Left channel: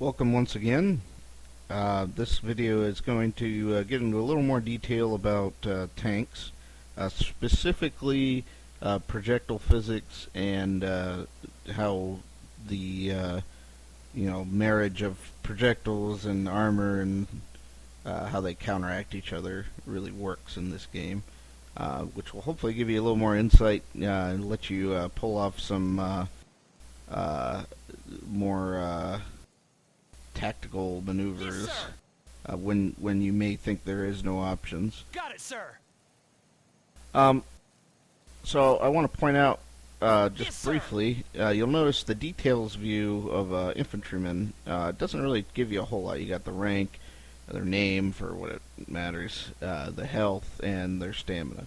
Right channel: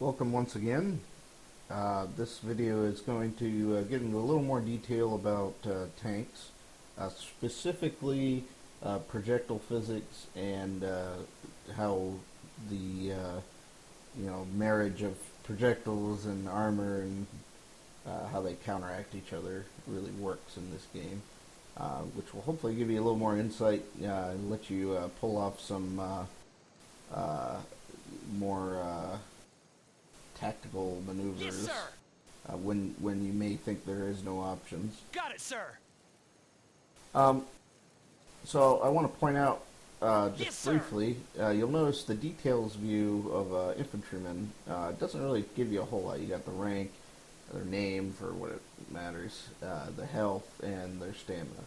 Welcome once again. This video is going to get into a little more detail about tanks, specifically projectile physics and how the marriage of projectiles and armor and how they counteract each other really works in this game, which will hopefully give you a little more insight and let you pull off some more tactical maneuvers. Yes, sir. When you may think there is no options. Got it, sir. So I want to point out just Yes, sir. briefly, you'll notice the details view of infantryman doesn't really give you a whole lot. You got the rank, their name for what it matters, the health, and their stamina.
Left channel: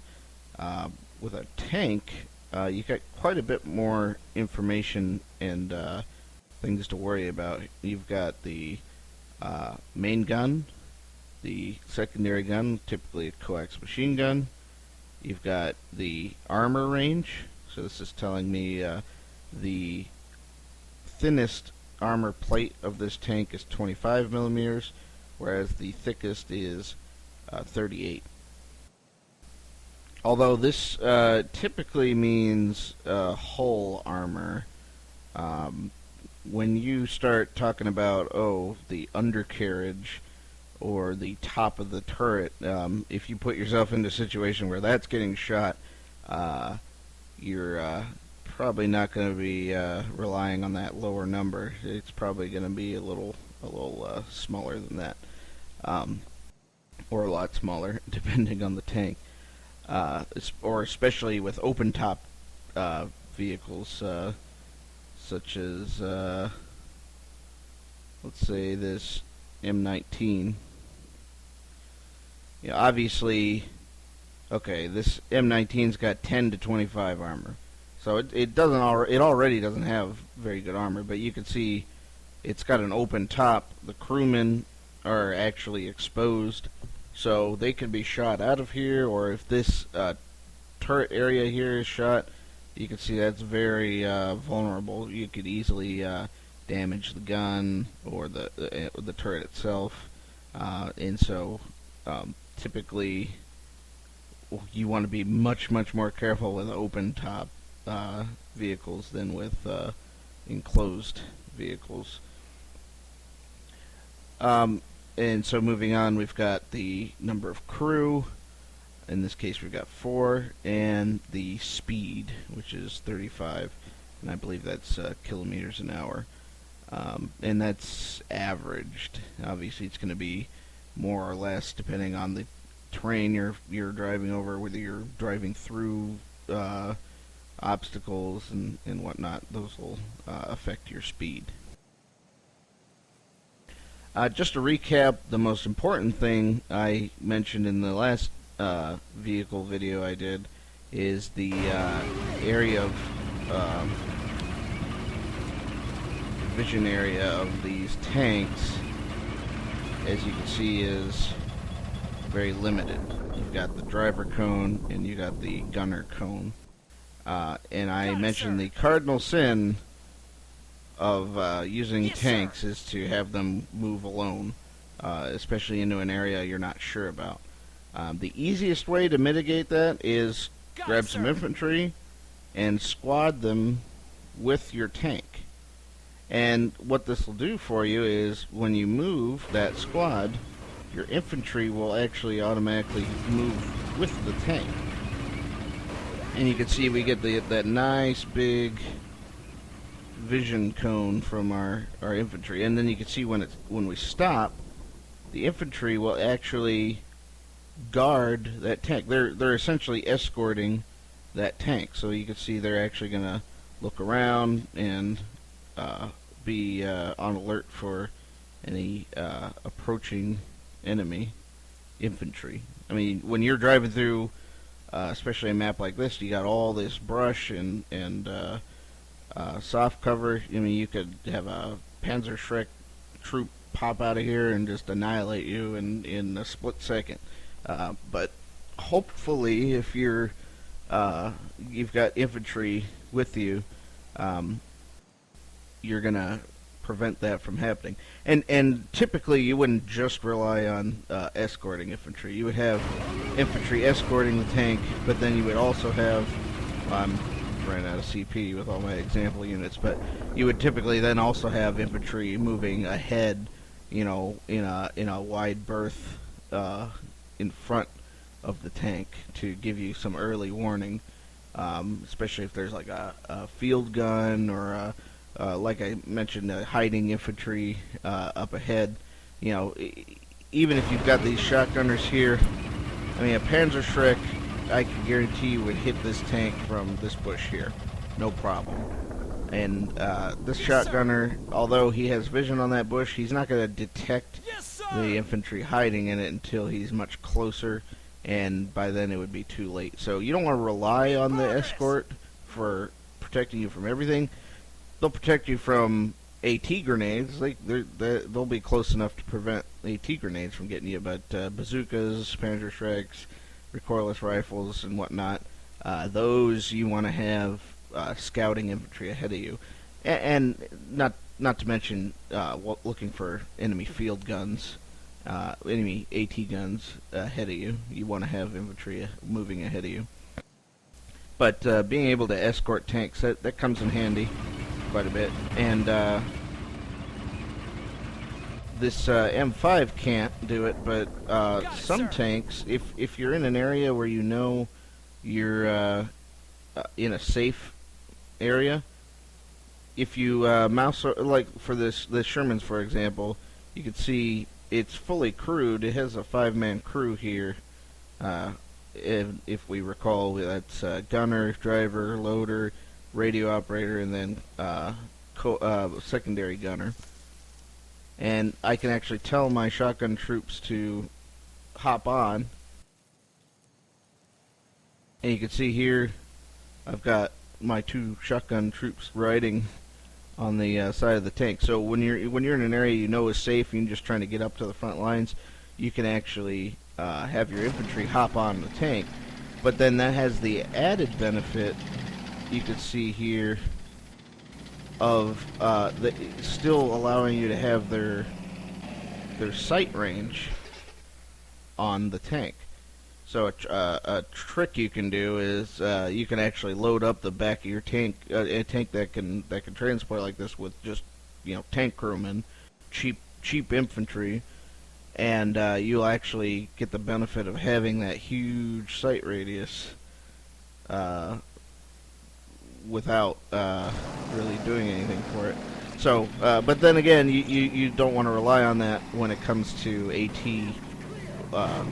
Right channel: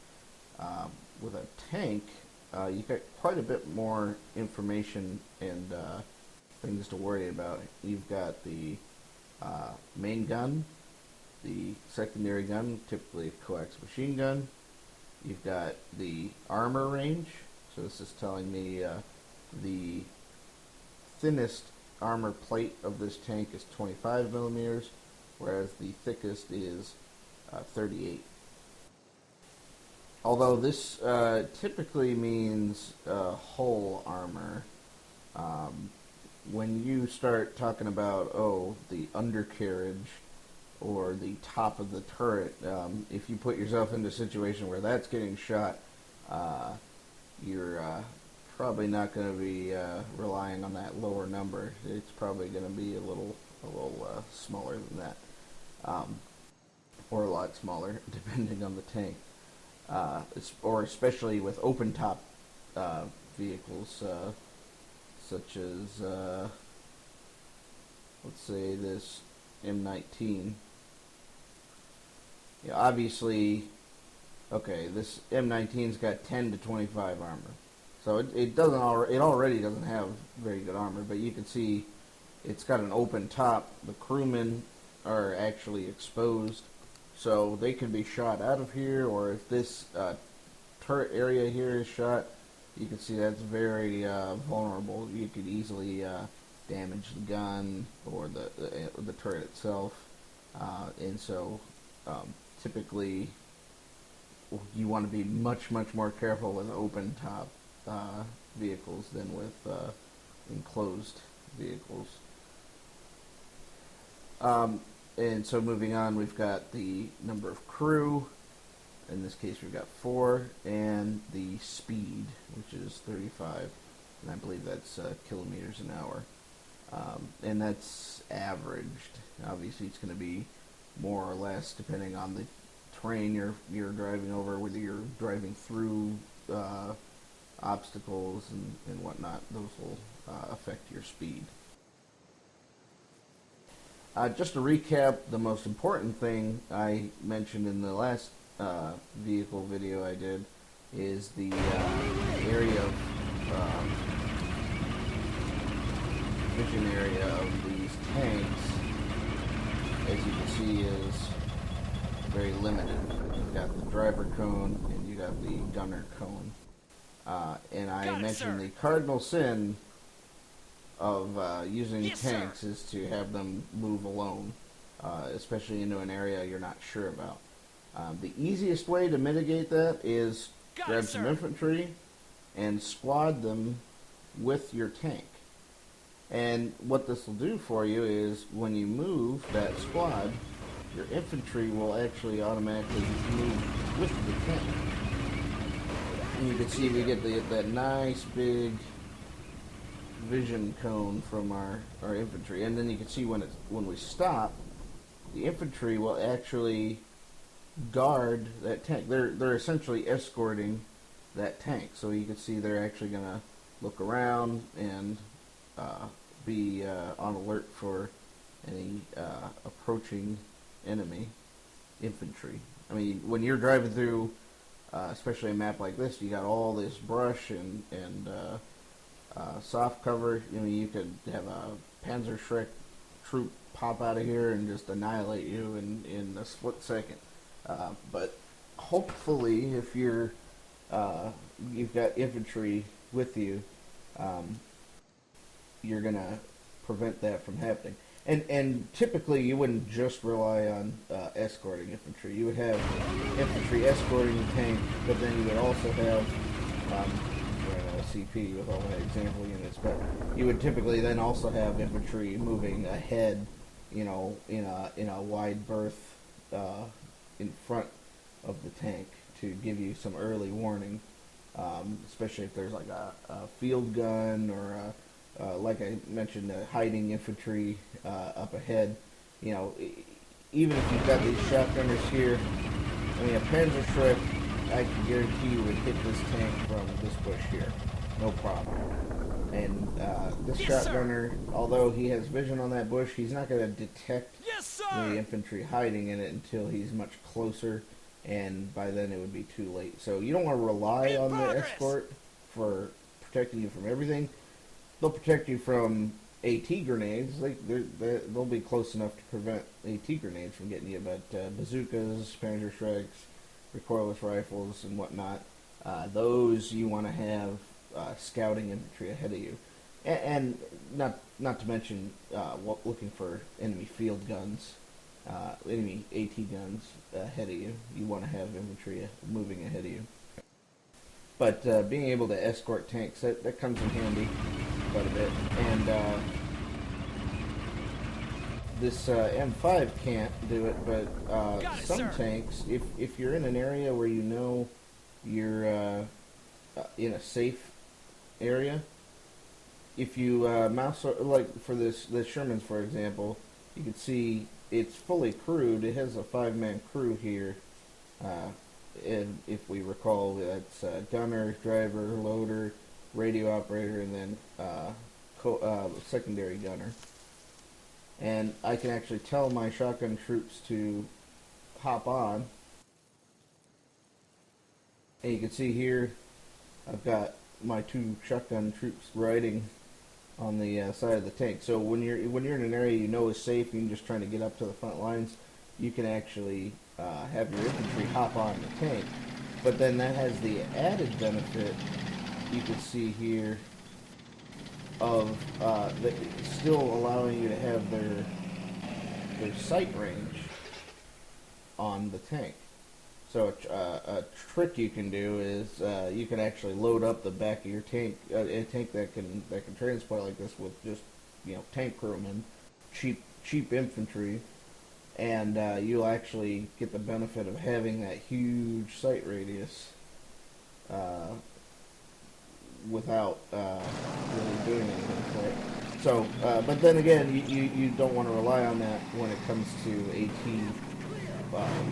With a tank, you got quite a bit more information and things to worry about. You've got the main gun, the secondary gun, typically a coax machine gun. You've got the armor range, so this is telling me the thinnest armor plate of this tank is 25 millimeters, whereas the thickest is 38. Although this typically means hull armor, when you start talking about, the undercarriage or the top of the turret, if you put yourself into a situation where that's getting shot, you're probably not going to be relying on that lower number. It's probably going to be a little smaller than that, or a lot smaller, depending on the tank, or especially with open top vehicles. Such as, let's say this M19. Yeah, obviously, okay, this M19's got 10 to 25 armor, so it already doesn't have very good armor. But you can see it's got an open top. The crewmen are actually exposed, so they can be shot out of here. Or if this turret area here is shot, you can see that's very vulnerable. You could easily damage the gun or the turret itself, and so typically you want to be much more careful with open top vehicles than with enclosed vehicles. And so moving on, we've got the number of crew. In this case, we've got 4, and the speed, which is 35, and I believe that's kilometers an hour. And that's averaged. Obviously, it's going to be more or less depending on the terrain you're driving over, whether you're driving through obstacles and whatnot. Those will affect your speed. Just to recap, the most important thing I mentioned in the last vehicle video I did is the area of vision area of these tanks, as you can see, is very limited. You've got the driver cone and you got the gunner cone, and I mentioned the cardinal sin of using tanks is to have them move alone, especially into an area you're not sure about. The easiest way to mitigate that is grab some infantry and squad them with your tank. And what this will do for you is when you move that squad, your infantry will actually automatically move with the tank. And you can see we get that nice big vision cone from our infantry. And then you can see when we stop, the infantry will actually guard that tank. They're essentially escorting that tank, so you can see they're actually going to look around and be on alert for any approaching enemy infantry. I mean, when you're driving through, especially a map like this, you got all this brush and soft cover. I mean, you could have a Panzerschreck troop pop out of here and just annihilate you in a split second. But hopefully, if you've got infantry with you, you're gonna prevent that from happening. And typically you wouldn't just rely on escorting infantry. You would have infantry escorting the tank, but then you would also have ran out of CP with all my example units, but you would typically then also have infantry moving ahead, in a wide berth in front of the tank to give you some early warning, especially if there's like a field gun or like I mentioned, hiding infantry up ahead. Even if you've got these shotgunners here, I mean, a Panzerschreck, I can guarantee you would hit this tank from this bush here, no problem. And this shotgunner, although he has vision on that bush, he's not going to detect the infantry hiding in it until he's much closer, and by then it would be too late. So you don't want to rely on the escort for protecting you from everything. They'll protect you from AT grenades. They'll be close enough to prevent AT grenades from getting you, but bazookas, Panzerschrecks, recoilless rifles, and whatnot, those you want to have scouting infantry ahead of you, and not to mention looking for enemy field guns, enemy AT guns ahead of you. You want to have infantry moving ahead of you. But being able to escort tanks, that comes in handy quite a bit. And this M5 can't do it, but some tanks, if you're in an area where you know you're in a safe area, if you mouse, like for this Sherman's, for example, you can see it's fully crewed. It has a 5-man crew here. If we recall, that's gunner, driver, loader, radio operator, and then secondary gunner. And I can actually tell my shotgun troops to hop on. And you can see here, I've got my 2 shotgun troops riding on the side of the tank. So when you're in an area you know is safe, and you're just trying to get up to the front lines, you can actually have your infantry hop on the tank. But then that has the added benefit, you can see here, of still allowing you to have their sight range on the tank. So a trick you can do is you can actually load up the back of your tank, a tank that can transport like this with just tank crewmen, cheap infantry, and you'll actually get the benefit of having that huge sight radius without really doing anything for it. So, but then again, you don't want to rely on that when it comes to AT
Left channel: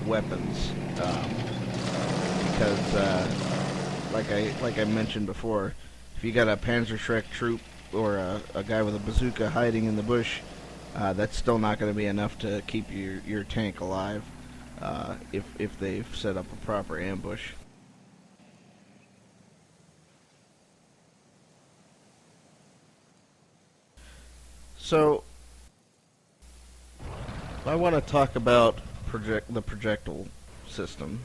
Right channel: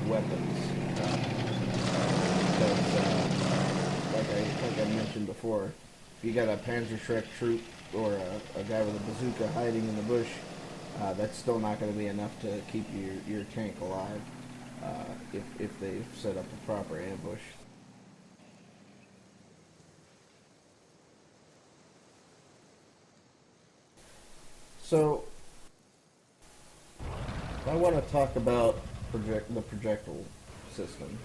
weapons, because like I mentioned before, if you got a Panzerschreck troop or a guy with a bazooka hiding in the bush, that's still not going to be enough to keep your tank alive if they've set up a proper ambush. So I want to talk about the projectile system,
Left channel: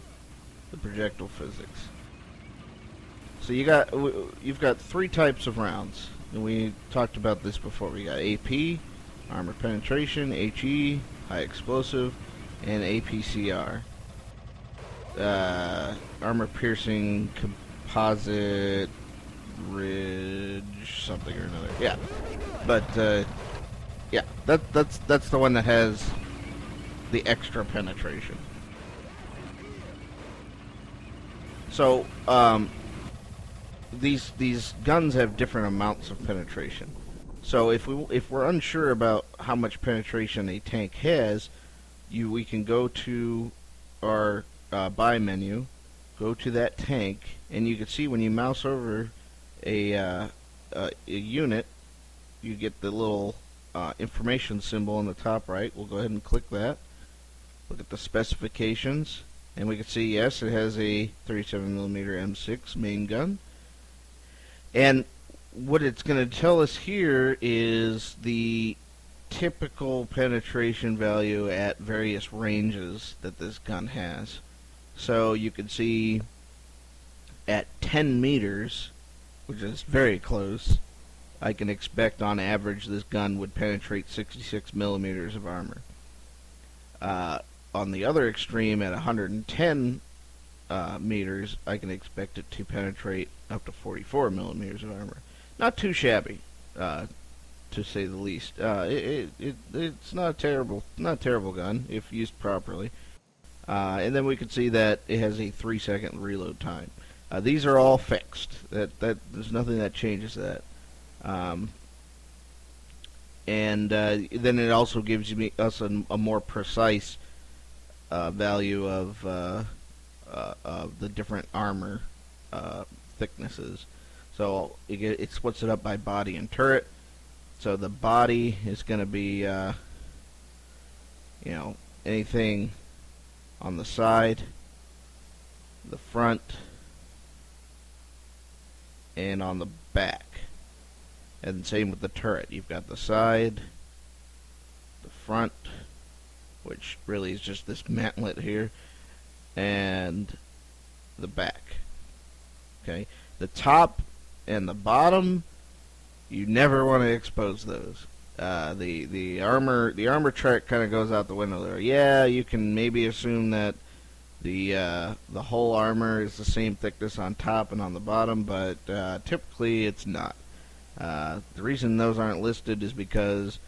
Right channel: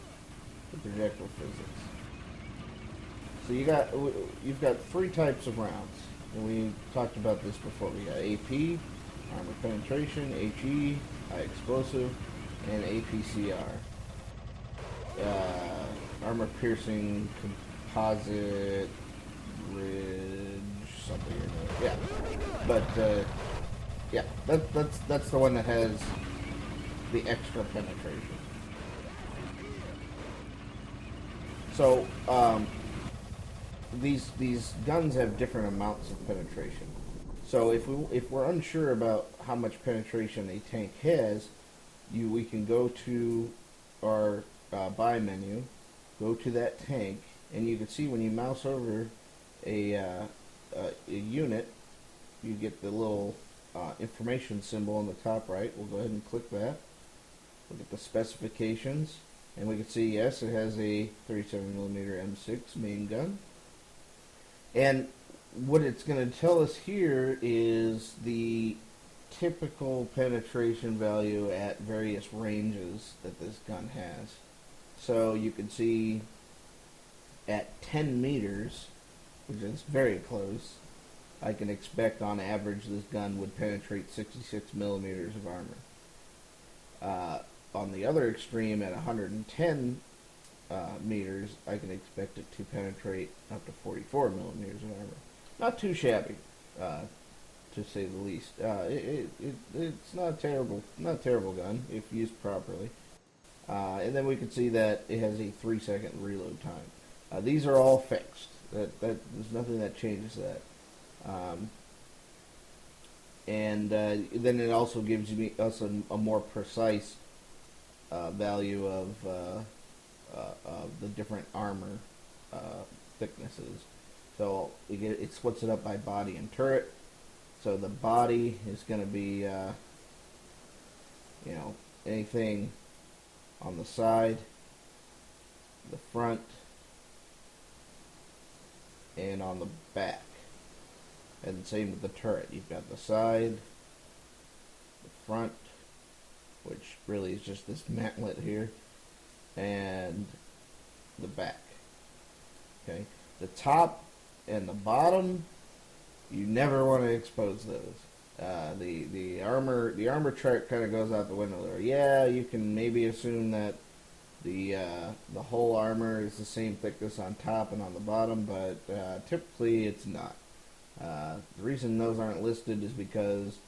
the projectile physics. So you've got 3 types of rounds, and we talked about this before. We got AP, armor penetration, HE, high explosive, and APCR. Armor piercing, composite, ridge, something or another. Yeah, but yeah, that's the one that has the extra penetration. So these guns have different amounts of penetration. So if we're unsure about how much penetration a tank has, we can go to our buy menu, go to that tank, and you can see when you mouse over a unit, you get the little information symbol on the top right. We'll go ahead and click that. Look at the specifications, and we can see, yes, it has a 37mm M6 main gun. And what it's going to tell us here is the typical penetration value at various ranges that this gun has. So you can see at 10 meters, which is very close, I can expect on average this gun would penetrate 66 millimeters of armor. On the other extreme, at 110 meters, I can expect it to penetrate up to 44 millimeters of armor. Not too shabby, to say the least. It's not a terrible gun if used properly. And then we can see that it has a 3-second reload time. These are all fixed. There's nothing that changes that. And then it also gives us a more precise value of the different armor thicknesses. So it splits it up by body and turret. So the body is going to be, anything on the side, the front, and on the back. And same with the turret. You've got the side, the front, which really is just this mantlet here, and the back. Okay, the top and the bottom, you never want to expose those. The armor track kind of goes out the window there. Yeah, you can maybe assume that the whole armor is the same thickness on top and on the bottom, but typically it's not. The reason those aren't listed is because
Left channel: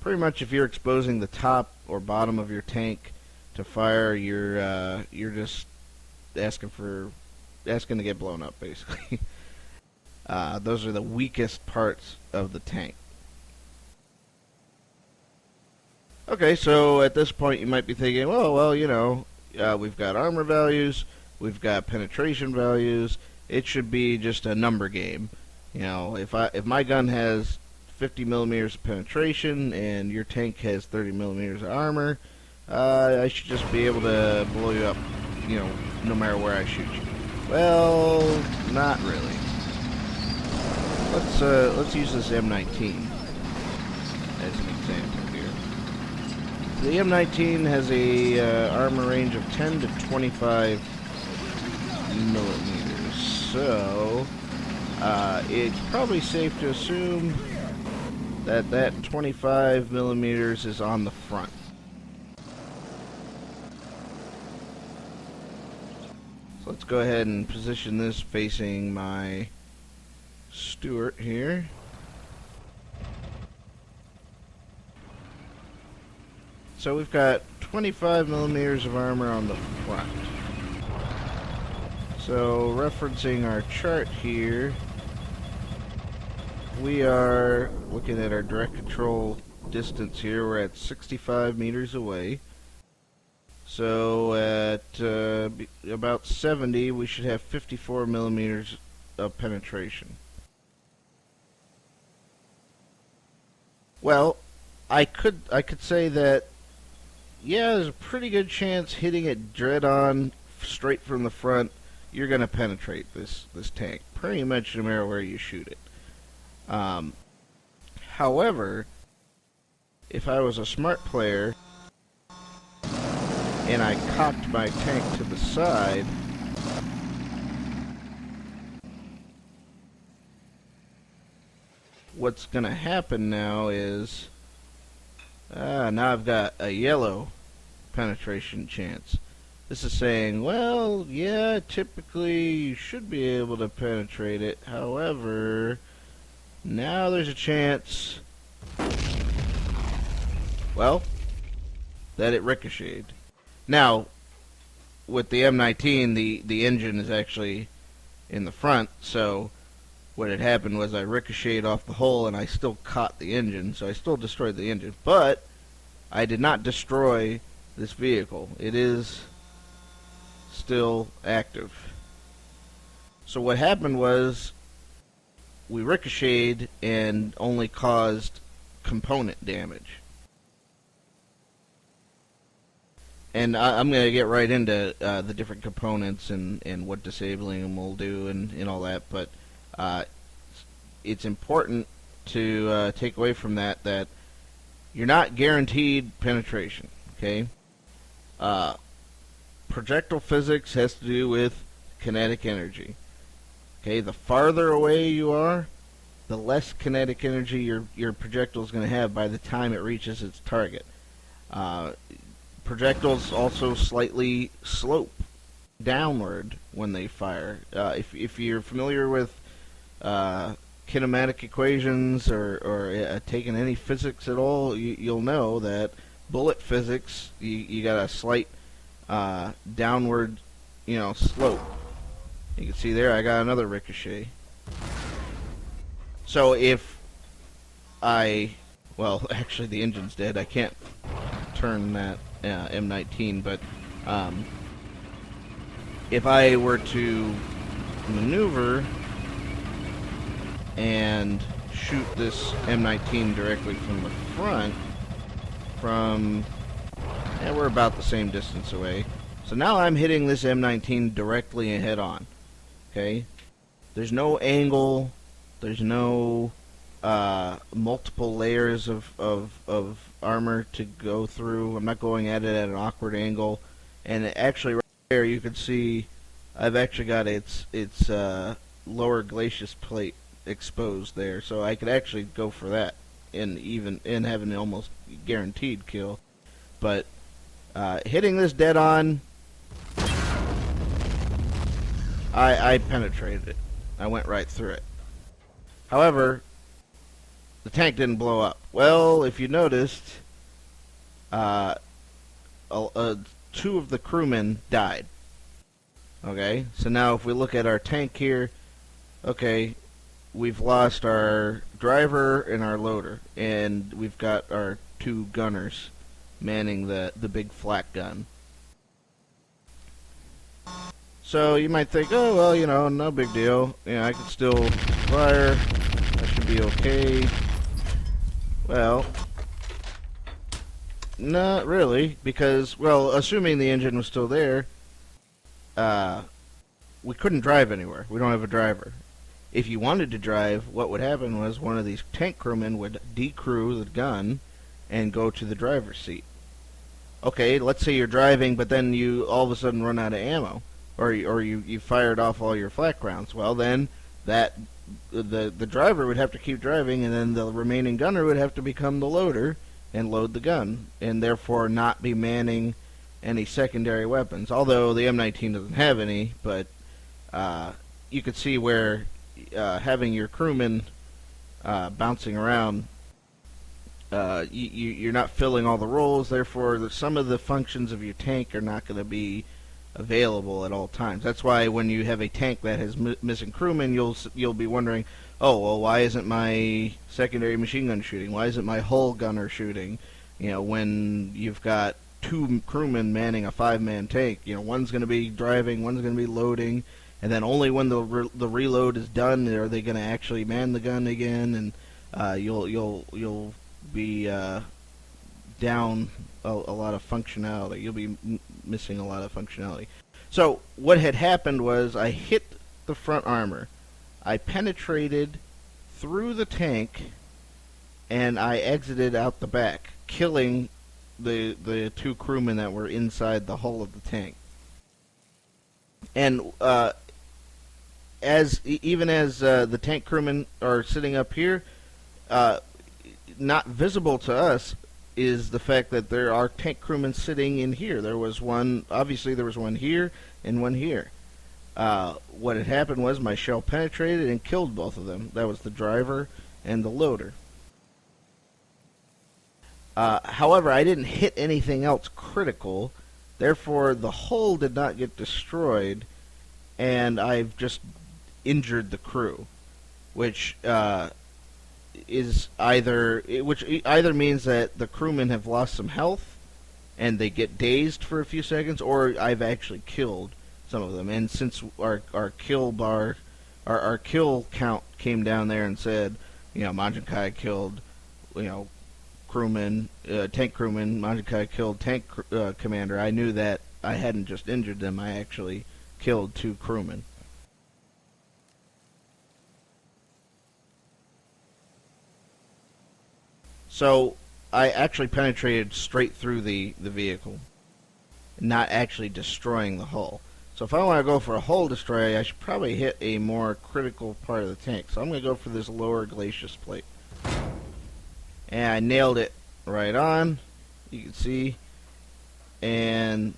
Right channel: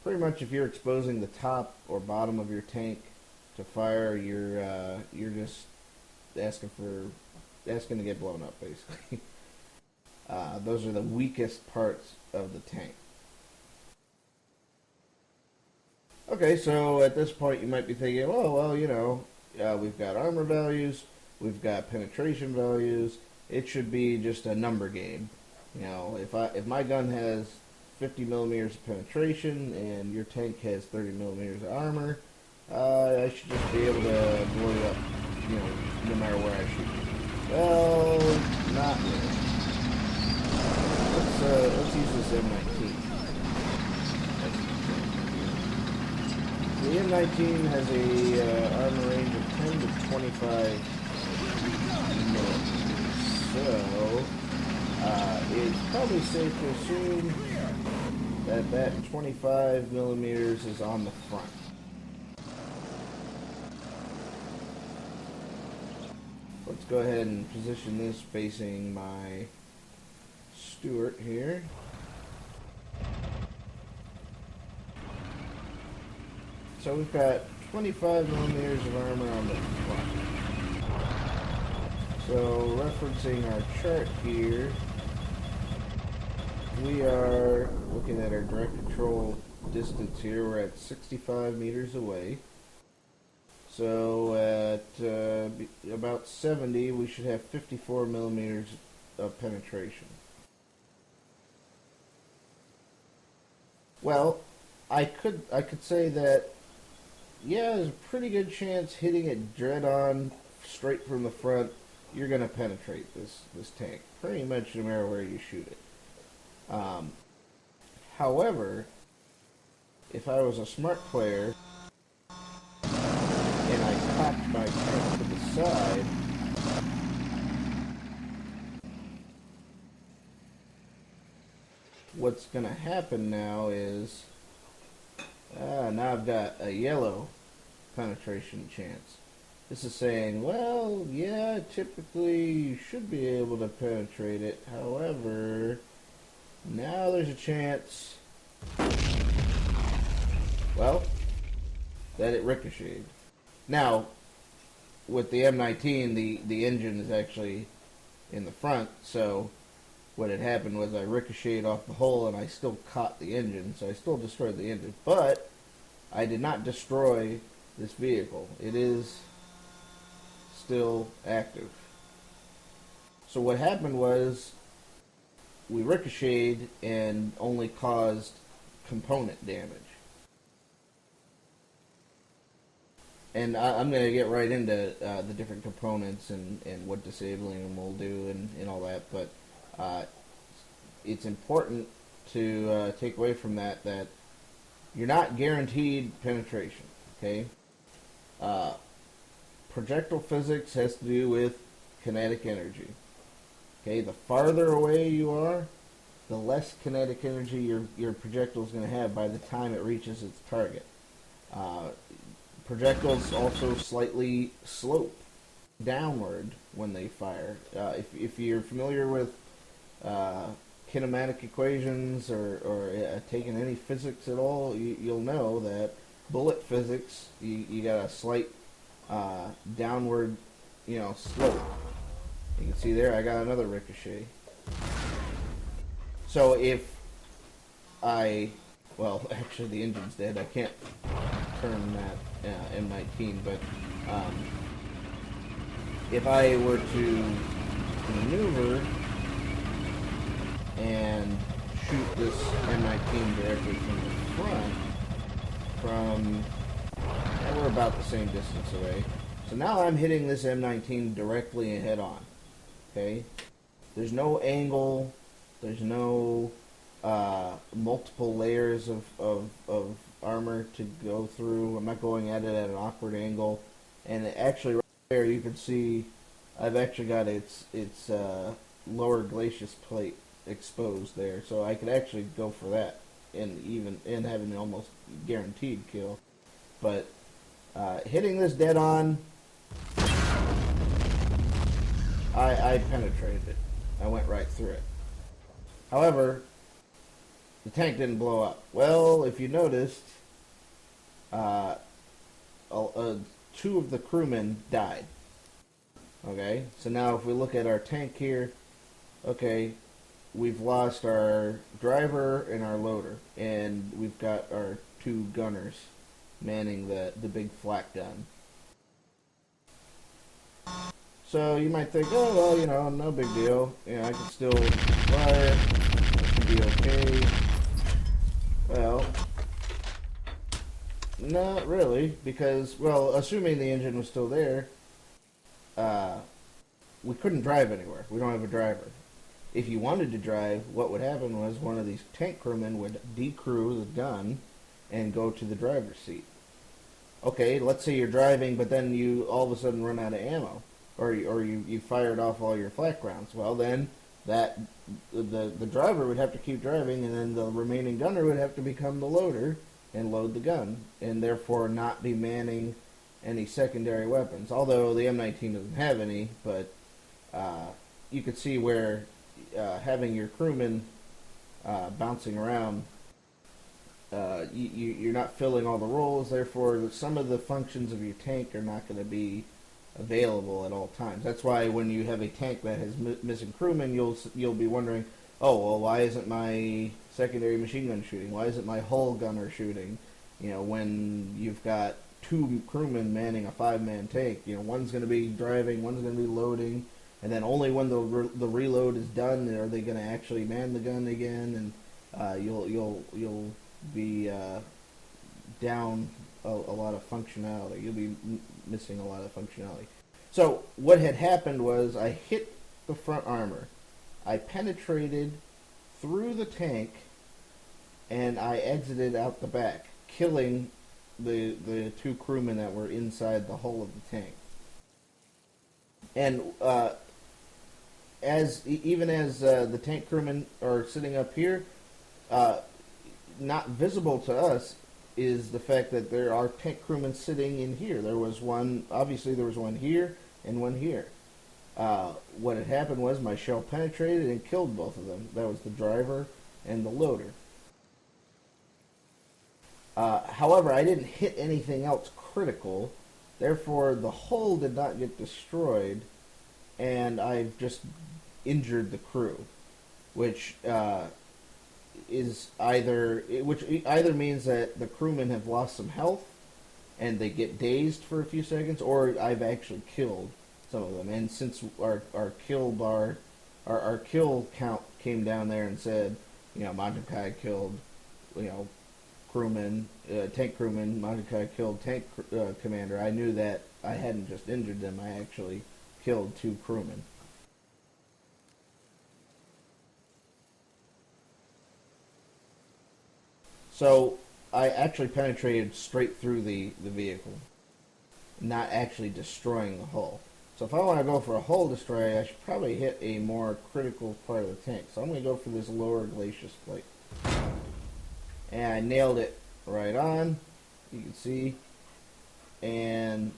pretty much if you're exposing the top or bottom of your tank to fire, you're just asking to get blown up, basically. Those are the weakest parts of the tank. Okay, so at this point you might be thinking, oh, well, we've got armor values, we've got penetration values, it should be just a number game. If my gun has 50 millimeters of penetration and your tank has 30 millimeters of armor, I should just be able to blow you up, no matter where I shoot you. Well, not really. Let's use this M19 as an example here. The M19 has a armor range of 10 to 25 millimeters, so it's probably safe to assume that 25 millimeters is on the front. So let's go ahead and position this facing my Stuart here. So we've got 25 millimeters of armor on the front. So referencing our chart here, we are looking at our direct control distance here. We're at 65 meters away. So at about 70, we should have 54 millimeters of penetration. Well, I could say that, yeah, there's a pretty good chance hitting it dead on straight from the front, you're going to penetrate this tank pretty much no matter where you shoot it. However, if I was a smart player and I cocked my tank to the side, what's going to happen now is now I've got a yellow penetration chance. This is saying, well, yeah, typically you should be able to penetrate it. However, now there's a chance, well, that it ricocheted. Now, with the M19, the engine is actually in the front, so what had happened was I ricocheted off the hull and I still caught the engine, so I still destroyed the engine, but I did not destroy this vehicle. It is still active. So what happened was we ricocheted and only caused component damage. And I'm going to get right into the different components and what disabling them will do and all that, but it's important to take away from that you're not guaranteed penetration, okay? Projectile physics has to do with kinetic energy. Okay, the farther away you are, the less kinetic energy your projectile is going to have by the time it reaches its target. Uh, Projectiles also slightly slope downward when they fire. If you're familiar with kinematic equations or taken any physics at all, you'll know that bullet physics, you got a slight downward, slope. You can see there, I got another ricochet. So if well, actually the engine's dead. I can't turn that M19, but if I were to maneuver and shoot this M19 directly from the front, we're about the same distance away. So now I'm hitting this M19 directly and head on. Okay? There's no angle, there's no multiple layers of armor to go through. I'm not going at it at an awkward angle. And actually right there you can see I've actually got its lower glacis plate exposed there. So I could actually go for that and have an almost guaranteed kill. But hitting this dead on, I penetrated it. I went right through it. However, the tank didn't blow up. Well, if you noticed, two of the crewmen died. Okay, so now if we look at our tank here, okay, we've lost our driver and our loader, and we've got our two gunners manning the big flak gun. So you might think, oh, well, no big deal. I can still fire. It should be okay. Well, not really, because, well, assuming the engine was still there, we couldn't drive anywhere. We don't have a driver. If you wanted to drive, what would happen was one of these tank crewmen would decrew the gun and go to the driver's seat. Okay, let's say you're driving, but then you all of a sudden run out of ammo, or you fired off all your flak rounds. Well, then the driver would have to keep driving, and then the remaining gunner would have to become the loader and load the gun, and therefore not be manning any secondary weapons. Although the M19 doesn't have any, but you could see where having your crewmen bouncing around, you're not filling all the roles. Therefore, some of the functions of your tank are not going to be available at all times. That's why when you have a tank that has missing crewmen, you'll be wondering, oh, well, why isn't my secondary machine gun shooting? Why isn't my hull gunner shooting? When you've got two crewmen manning a 5-man tank, one's going to be driving, one's going to be loading, and then only when the reload is done are they going to actually man the gun again, and you'll be down a lot of functionality. You'll be missing a lot of functionality. So what had happened was I hit the front armor. I penetrated through the tank, and I exited out the back, killing the two crewmen that were inside the hull of the tank. And as the tank crewmen are sitting up here, not visible to us is the fact that there are tank crewmen sitting in here. There was one here and one here. What had happened was my shell penetrated and killed both of them. That was the driver and the loader. However, I didn't hit anything else critical. Therefore, the hull did not get destroyed, and I've just injured the crew, which either means that the crewmen have lost some health and they get dazed for a few seconds, or I've actually killed some of them. And since our kill bar, our kill count came down there and said, Majinkai killed, crewmen, tank crewman, Majinkai killed tank commander, I knew that I hadn't just injured them, I actually killed two crewmen. So I actually penetrated straight through the vehicle, not actually destroying the hull. So if I want to go for a hull destroy, I should probably hit a more critical part of the tank. So I'm going to go for this lower glacis plate. And I nailed it right on, you can see, and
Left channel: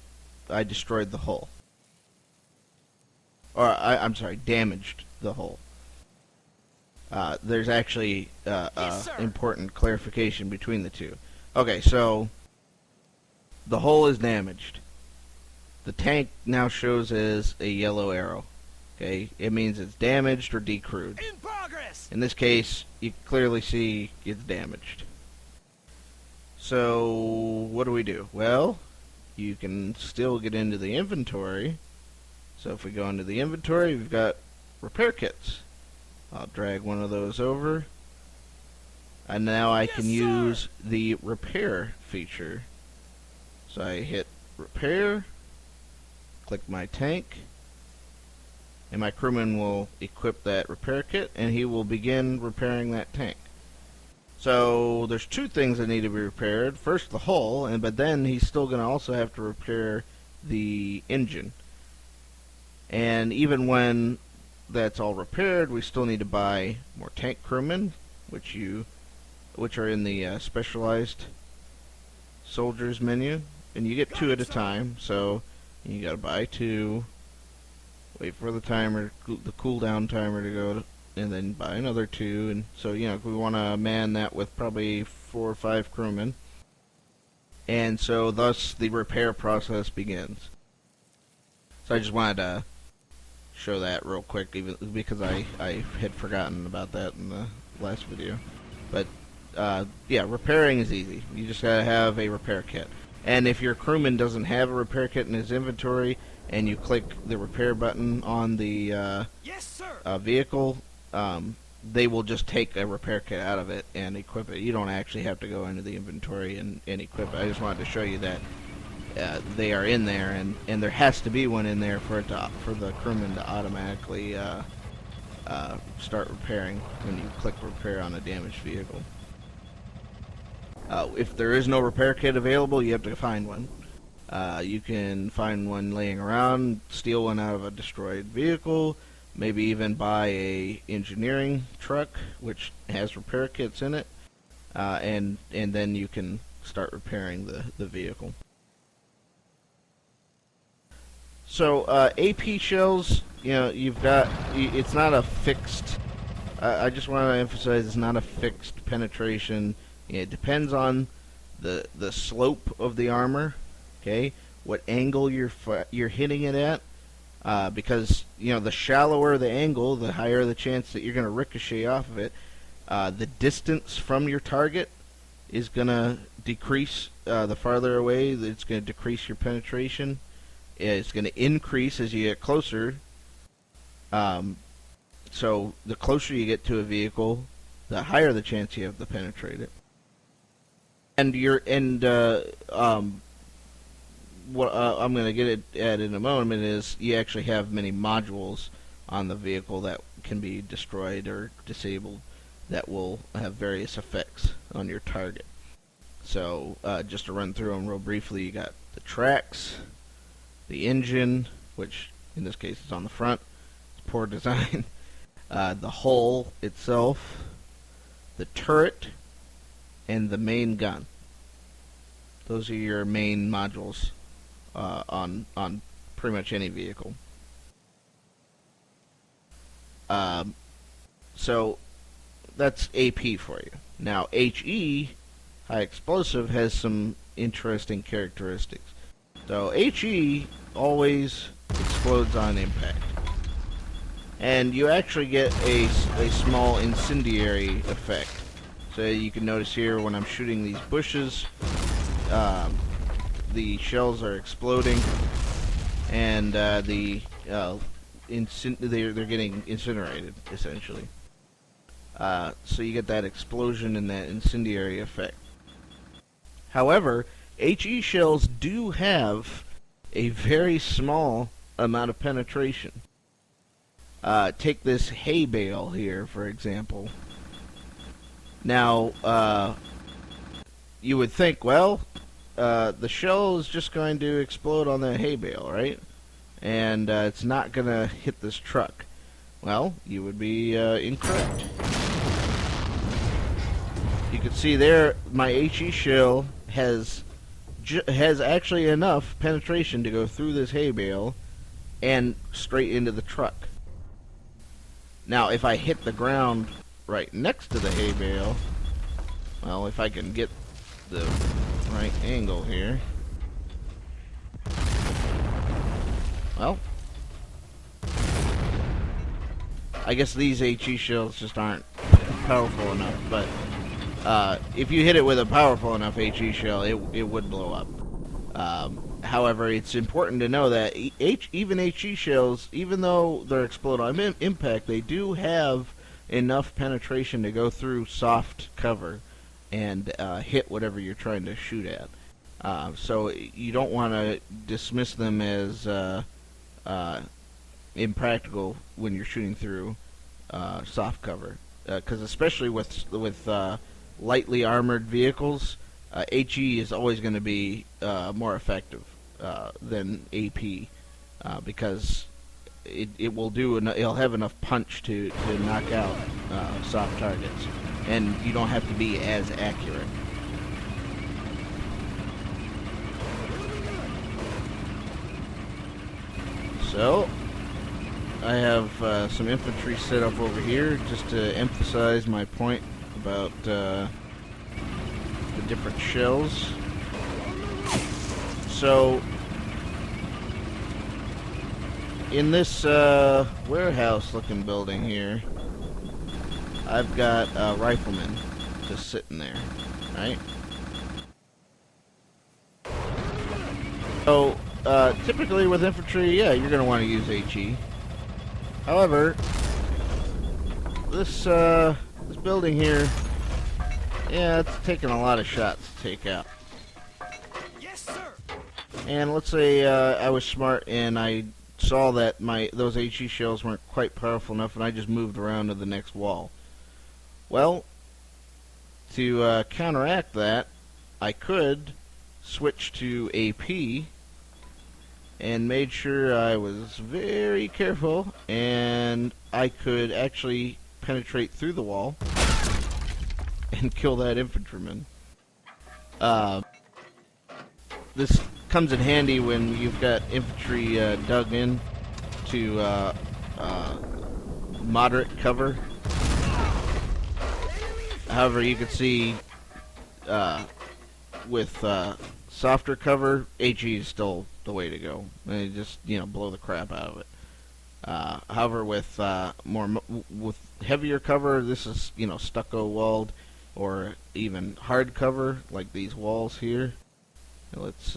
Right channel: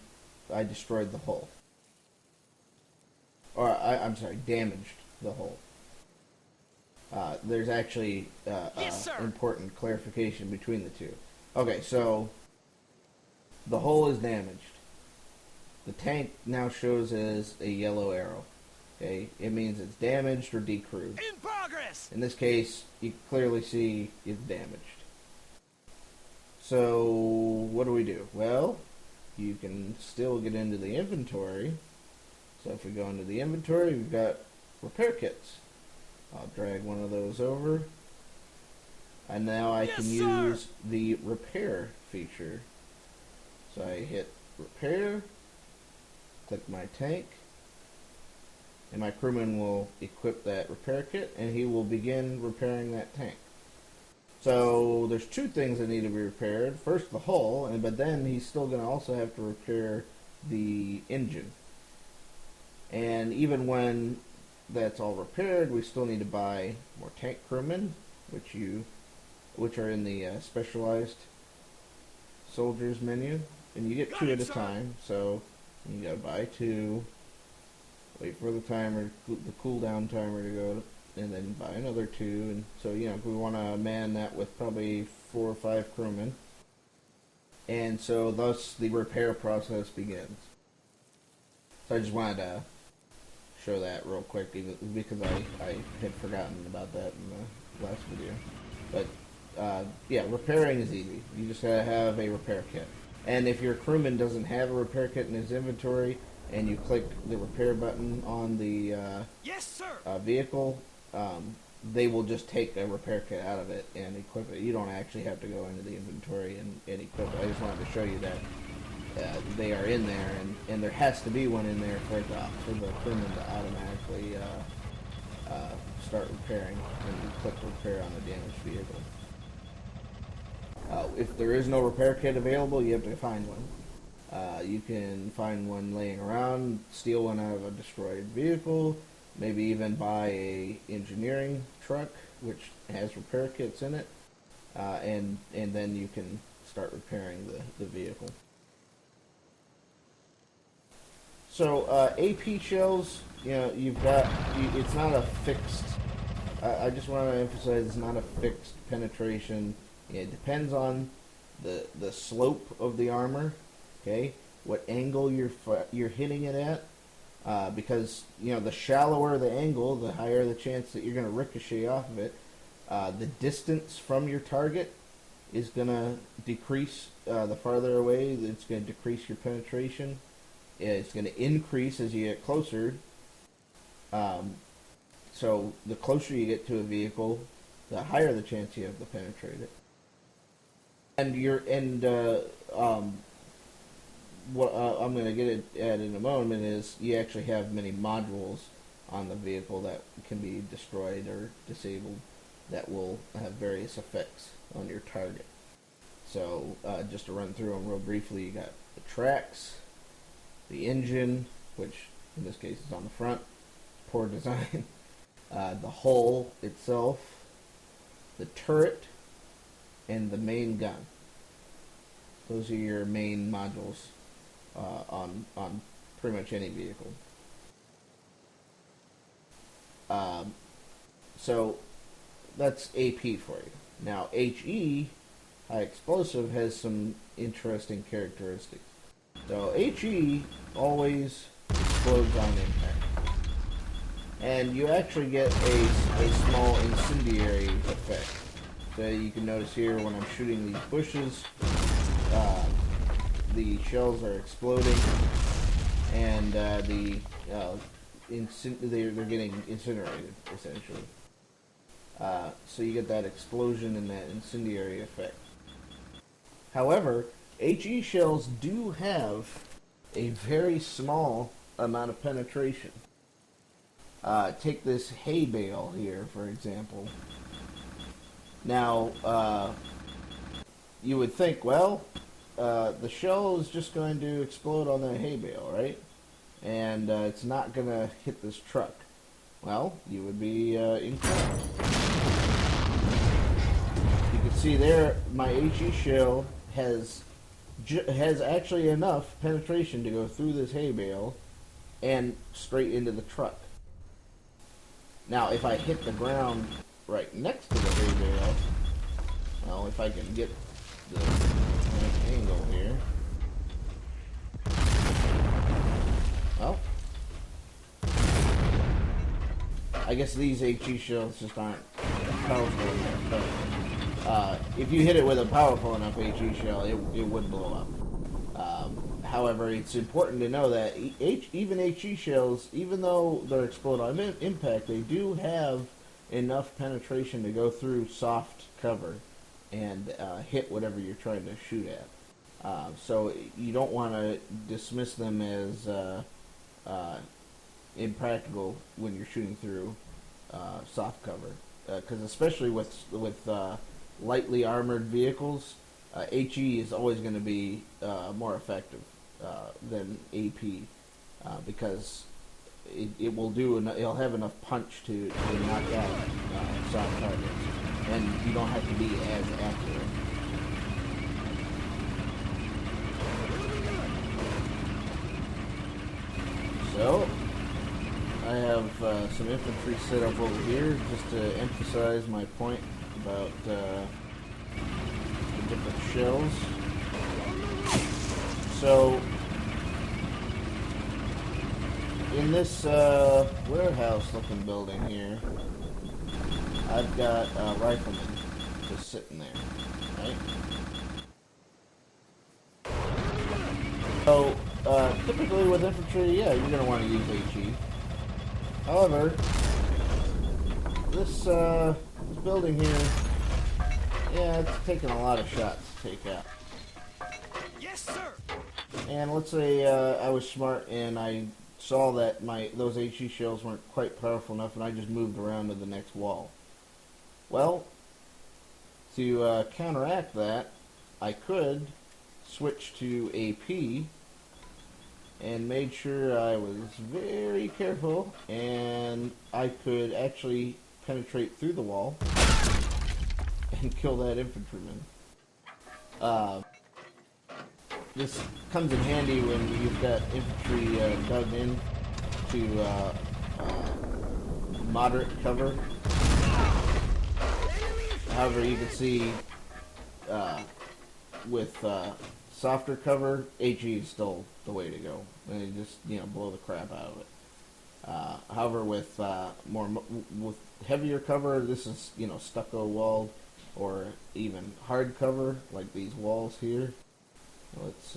I destroyed the hull. Or, I'm sorry, damaged the hull. There's actually important clarification between the two. Okay, so the hull is damaged. The tank now shows as a yellow arrow. Okay, it means it's damaged or decrewed. In progress. In this case, you clearly see it's damaged. So what do we do? Well, you can still get into the inventory. So if we go into the inventory, we've got repair kits. I'll drag one of those over. And now I can use the repair feature. So I hit repair, click my tank, and my crewman will equip that repair kit, and he will begin repairing that tank. So there's two things that need to be repaired. First, the hull, but then he's still going to also have to repair the engine. And even when that's all repaired, we still need to buy more tank crewmen, which are in the specialized soldiers menu, and you get two at a time. So you got to buy two, wait for the timer, the cooldown timer to go, and then buy another two. And so, you know, we want to man that with probably 4 or 5 crewmen. And so thus the repair process begins. So I just wanted to show that real quick, even because I had forgotten about that in the last video. But yeah, repairing is easy. You just gotta have a repair kit. And if your crewman doesn't have a repair kit in his inventory, and you click the repair button on the vehicle, they will just take a repair kit out of it and equip it. You don't actually have to go into the inventory and equip it. I just wanted to show you that they are in there, and there has to be one in there for the crewman to automatically start repairing when you click repair on a damaged vehicle. If there is no repair kit available, you have to find one. You can find one laying around, steal one out of a destroyed vehicle, maybe even buy a engineering truck which has repair kits in it, and then you can start repairing the vehicle. So AP shells, you know, it's not a fixed, I just want to emphasize it's not a fixed penetration. It depends on the slope of the armor, okay, what angle you're hitting it at, because, you know, the shallower the angle, the higher the chance that you're going to ricochet off of it. The distance from your target is going to decrease. The farther away, it's going to decrease your penetration. It's going to increase as you get closer. So the closer you get to a vehicle, the higher the chance you have to penetrate it. And what I'm going to get at in a moment is you actually have many modules on the vehicle that can be destroyed or disabled that will have various effects on your target. So just to run through them real briefly, you got the tracks, the engine, which in this case is on the front, it's poor design, the hull itself, the turret, and the main gun. Those are your main modules on pretty much any vehicle. So that's AP for you. Now HE, high explosive, has some interesting characteristics. So HE always explodes on impact, and you actually get a small incendiary effect. So you can notice here when I'm shooting these bushes, the shells are exploding, and they're getting incinerated essentially. So you get that explosion and that incendiary effect. However, HE shells do have a very small amount of penetration. Take this hay bale here, for example. Now, you would think, well, the shell is just going to explode on that hay bale, right? and it's not going to hit this truck. Well, you would be incorrect. You can see there, my HE shell has actually enough penetration to go through this hay bale and straight into the truck. Now, if I hit the ground right next to the hay bale, well, if I can get the right angle here, well, I guess these HE shells just aren't powerful enough, but if you hit it with a powerful enough HE shell, it would blow up. However, it's important to know that even HE shells, even though they're explode on impact, they do have enough penetration to go through soft cover and hit whatever you're trying to shoot at. So you don't want to dismiss them as impractical when you're shooting through soft cover, because especially with lightly armored vehicles, HE is always going to be more effective than AP, because it will it'll have enough punch to knock out soft targets, and you don't have to be as accurate. So I have some infantry set up over here just to emphasize my point about the different shells. So in this warehouse looking building here, I've got a rifleman just sitting there, right? So typically with infantry, yeah, you're going to want to use HE. However, this building here, yeah, it's taking a lot of shots to take out. Yes, sir. And let's say I was smart and I saw that those HE shells weren't quite powerful enough, and I just moved around to the next wall. Well, to counteract that, I could switch to AP and made sure I was very careful, and I could actually penetrate through the wall and kill that infantryman. This comes in handy when you've got infantry dug in to moderate cover. However, you can see with softer cover, HE is still the way to go. And just blow the crap out of it. However, with with heavier cover, this is stucco walled or even hard cover like these walls here. Now let's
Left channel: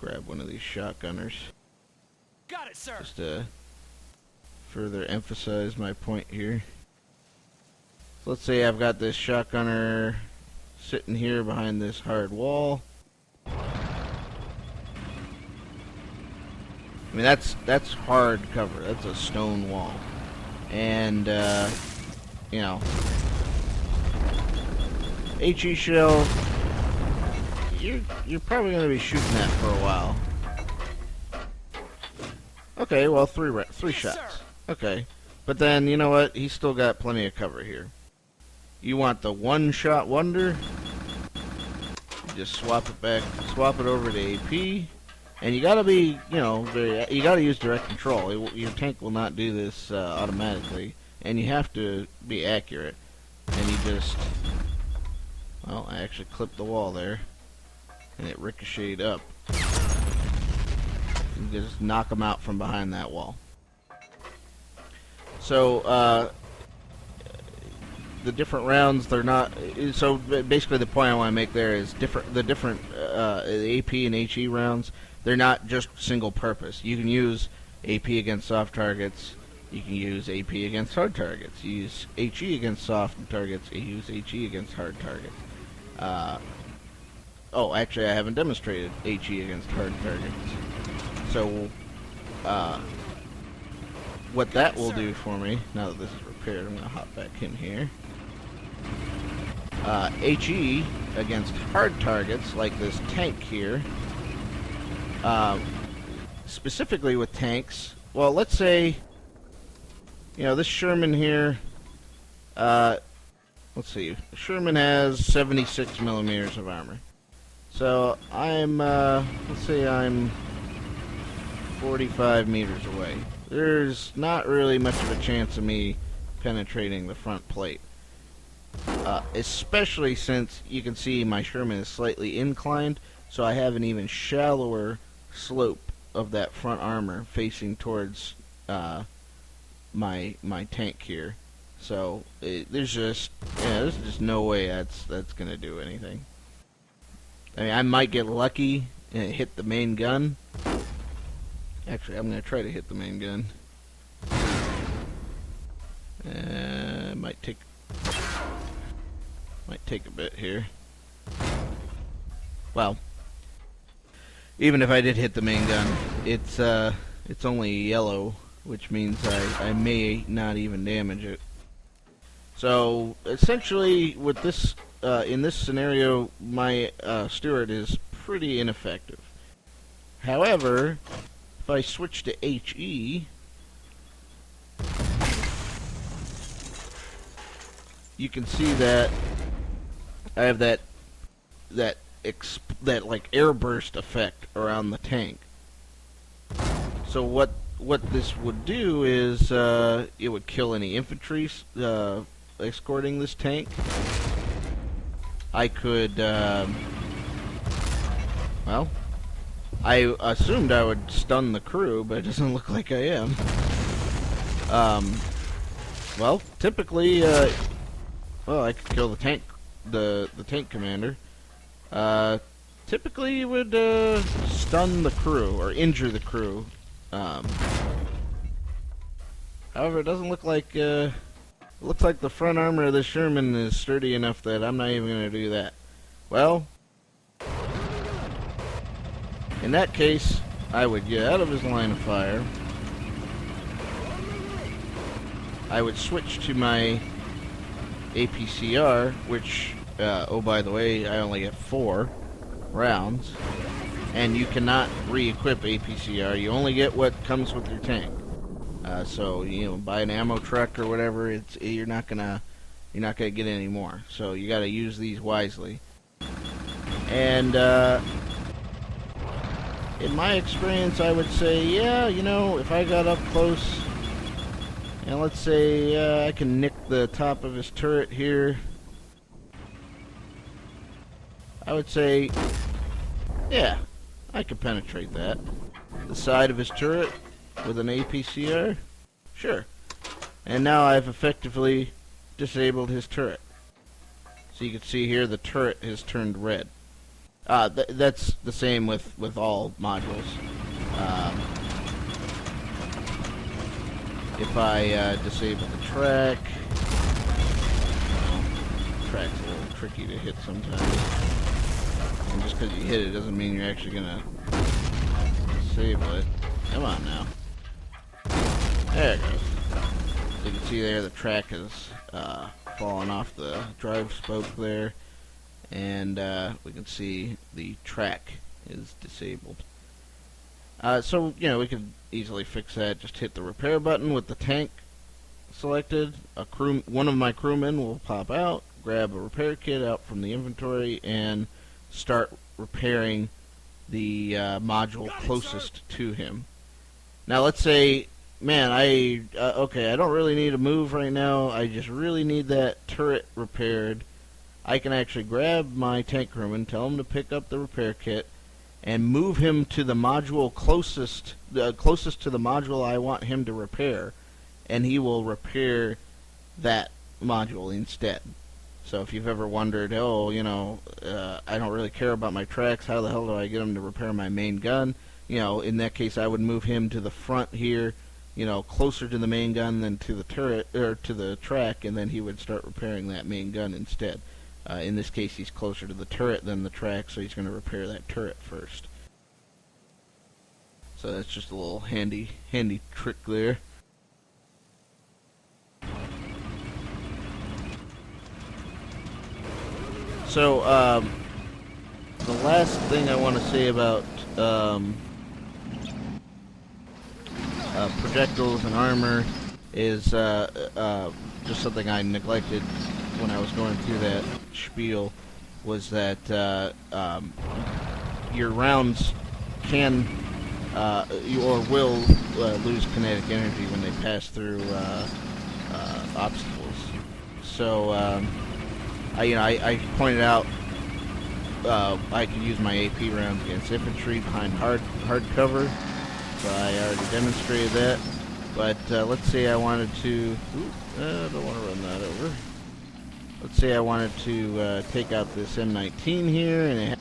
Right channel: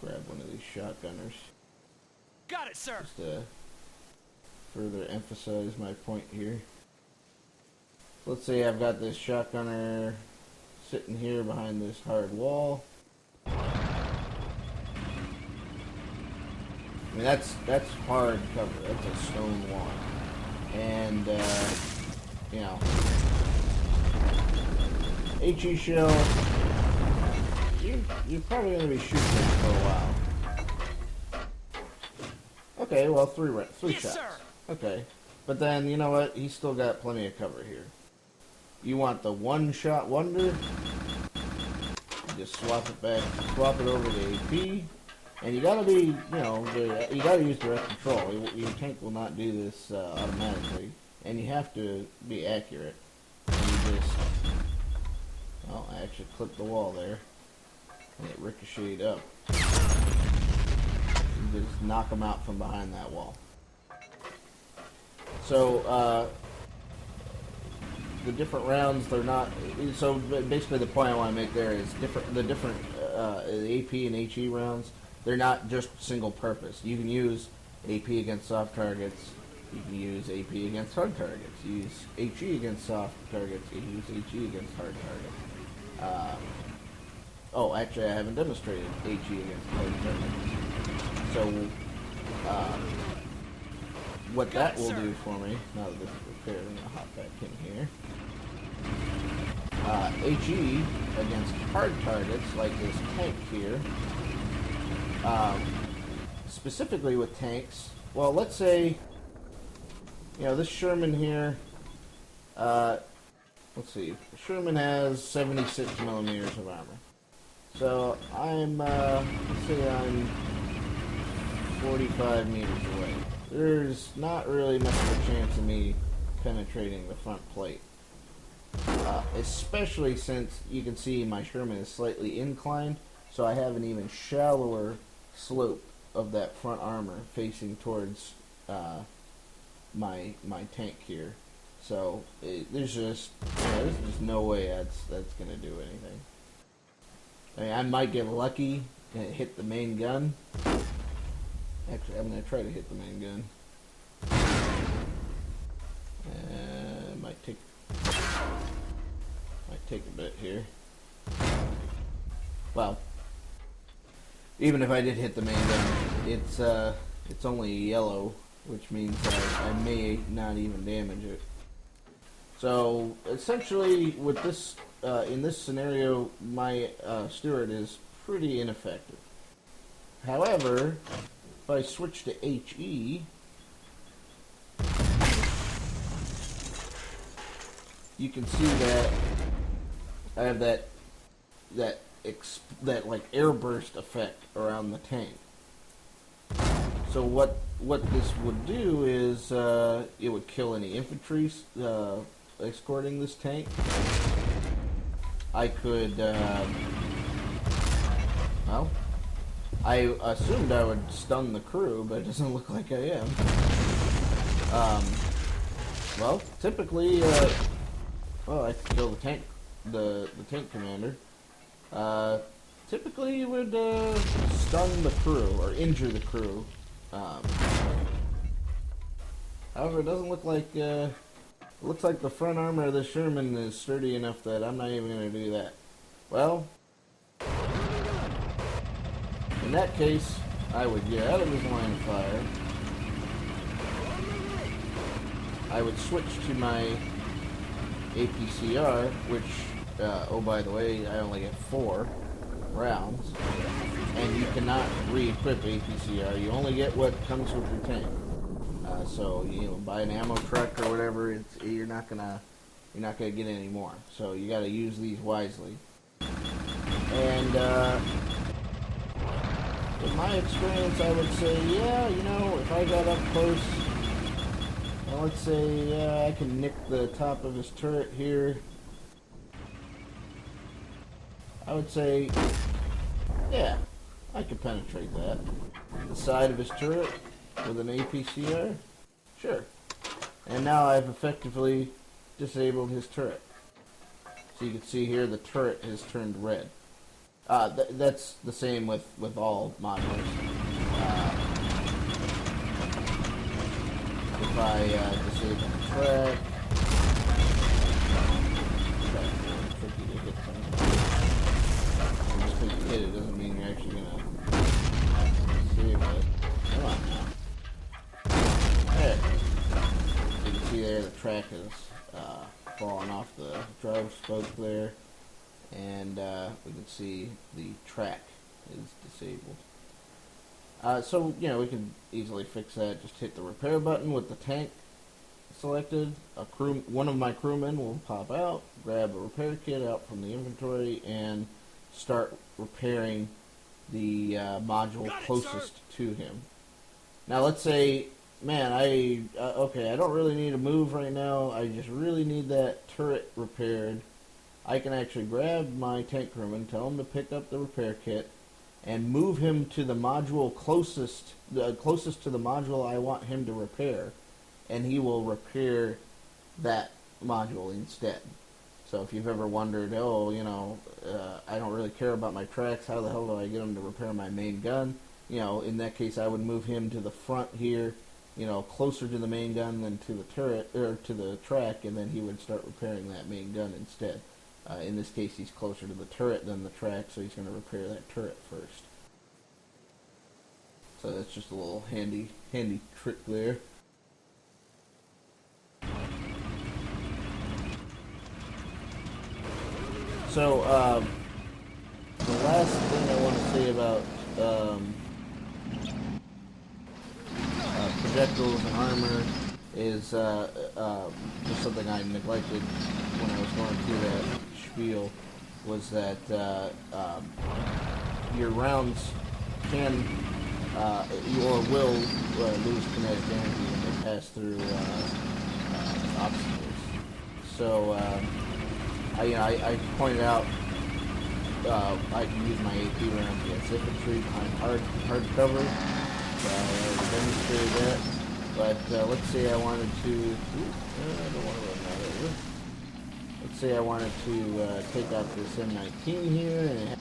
grab one of these shotgunners. Got it, sir. Just to further emphasize my point here. So let's say I've got this shotgunner sitting here behind this hard wall. I mean, that's hard cover. That's a stone wall, and HE shell. You're probably going to be shooting that for a while. Okay, well, three shots. Sir. Okay, but then you know what? He's still got plenty of cover here. You want the one-shot wonder? You just swap it over to AP, and you gotta be, you gotta use direct control. Your tank will not do this automatically, and you have to be accurate. And you just, well, I actually clipped the wall there, and it ricocheted up. You just knock them out from behind that wall. So the different rounds, they're not. So basically, the point I want to make there is the different AP and HE rounds. They're not just single purpose. You can use AP against soft targets. You can use AP against hard targets. You use HE against soft targets. You use HE against hard targets. Oh, actually, I haven't demonstrated HE against hard targets. So, what that will do for me, now that this is repaired, I'm going to hop back in here. HE against hard targets, like this tank here, specifically with tanks, well, let's say, this Sherman here, let's see, Sherman has 76 millimeters of armor. So I'm, let's say I'm 45 meters away. There's not really much of a chance of me penetrating the front plate. Especially since you can see my Sherman is slightly inclined, so I have an even shallower slope of that front armor facing towards my tank here. So there's just no way that's gonna do anything. I mean, I might get lucky and hit the main gun. Actually, I'm gonna try to hit the main gun. Might take a bit here. Well, even if I did hit the main gun, it's only yellow, which means I may not even damage it. So essentially, with this in this scenario, my Stuart is pretty ineffective. However, if I switch to HE, you can see that I have that like airburst effect around the tank. So what this would do is it would kill any infantry escorting this tank. I could well, I assumed I would stun the crew, but it doesn't look like I am. Well, typically, well, I could kill the tank, the tank commander. Typically, it would stun the crew or injure the crew. However, it doesn't look like. Looks like the front armor of the Sherman is sturdy enough that I'm not even going to do that. Well, in that case, I would get out of his line of fire. I would switch to my APCR, which, oh by the way, I only get 4 rounds, and you cannot re-equip APCR. You only get what comes with your tank. So buy an ammo truck or whatever. You're not gonna get any more. So you got to use these wisely. And in my experience, I would say, yeah, if I got up close, and let's say I can nick the top of his turret here, I would say, yeah, I could penetrate that. The side of his turret with an APCR, sure. And now I've effectively disabled his turret. So you can see here the turret has turned red. That's the same with all modules. If I disable the track's a little tricky to hit sometimes. And just because you hit it doesn't mean you're actually gonna disable it. Come on now. There. You can see there the track has fallen off the drive spoke there, and we can see the track is disabled. So we could easily fix that. Just hit the repair button with the tank selected. One of my crewmen will pop out, grab a repair kit out from the inventory, and start repairing the module closest to him. Now let's say, man, okay, I don't really need to move right now. I just really need that turret repaired. I can actually grab my tank crewman, tell him to pick up the repair kit, and move him to the module closest to the module I want him to repair, and he will repair that module instead. So if you've ever wondered, I don't really care about my tracks, how the hell do I get him to repair my main gun? In that case, I would move him to the front here, closer to the main gun than to the turret, or to the track, and then he would start repairing that main gun instead. In this case, he's closer to the turret than the track, so he's going to repair that turret first. So that's just a little handy trick there. So, the last thing I want to say about projectiles and armor is just something I neglected when I was going through that spiel, was that your rounds can you or will lose kinetic energy when they pass through obstacles. So I pointed out I can use my AP rounds against infantry behind hard cover. So I already demonstrated that. But let's say I wanted to. I don't want to run that over. Let's say I wanted to take out this M19 here, and it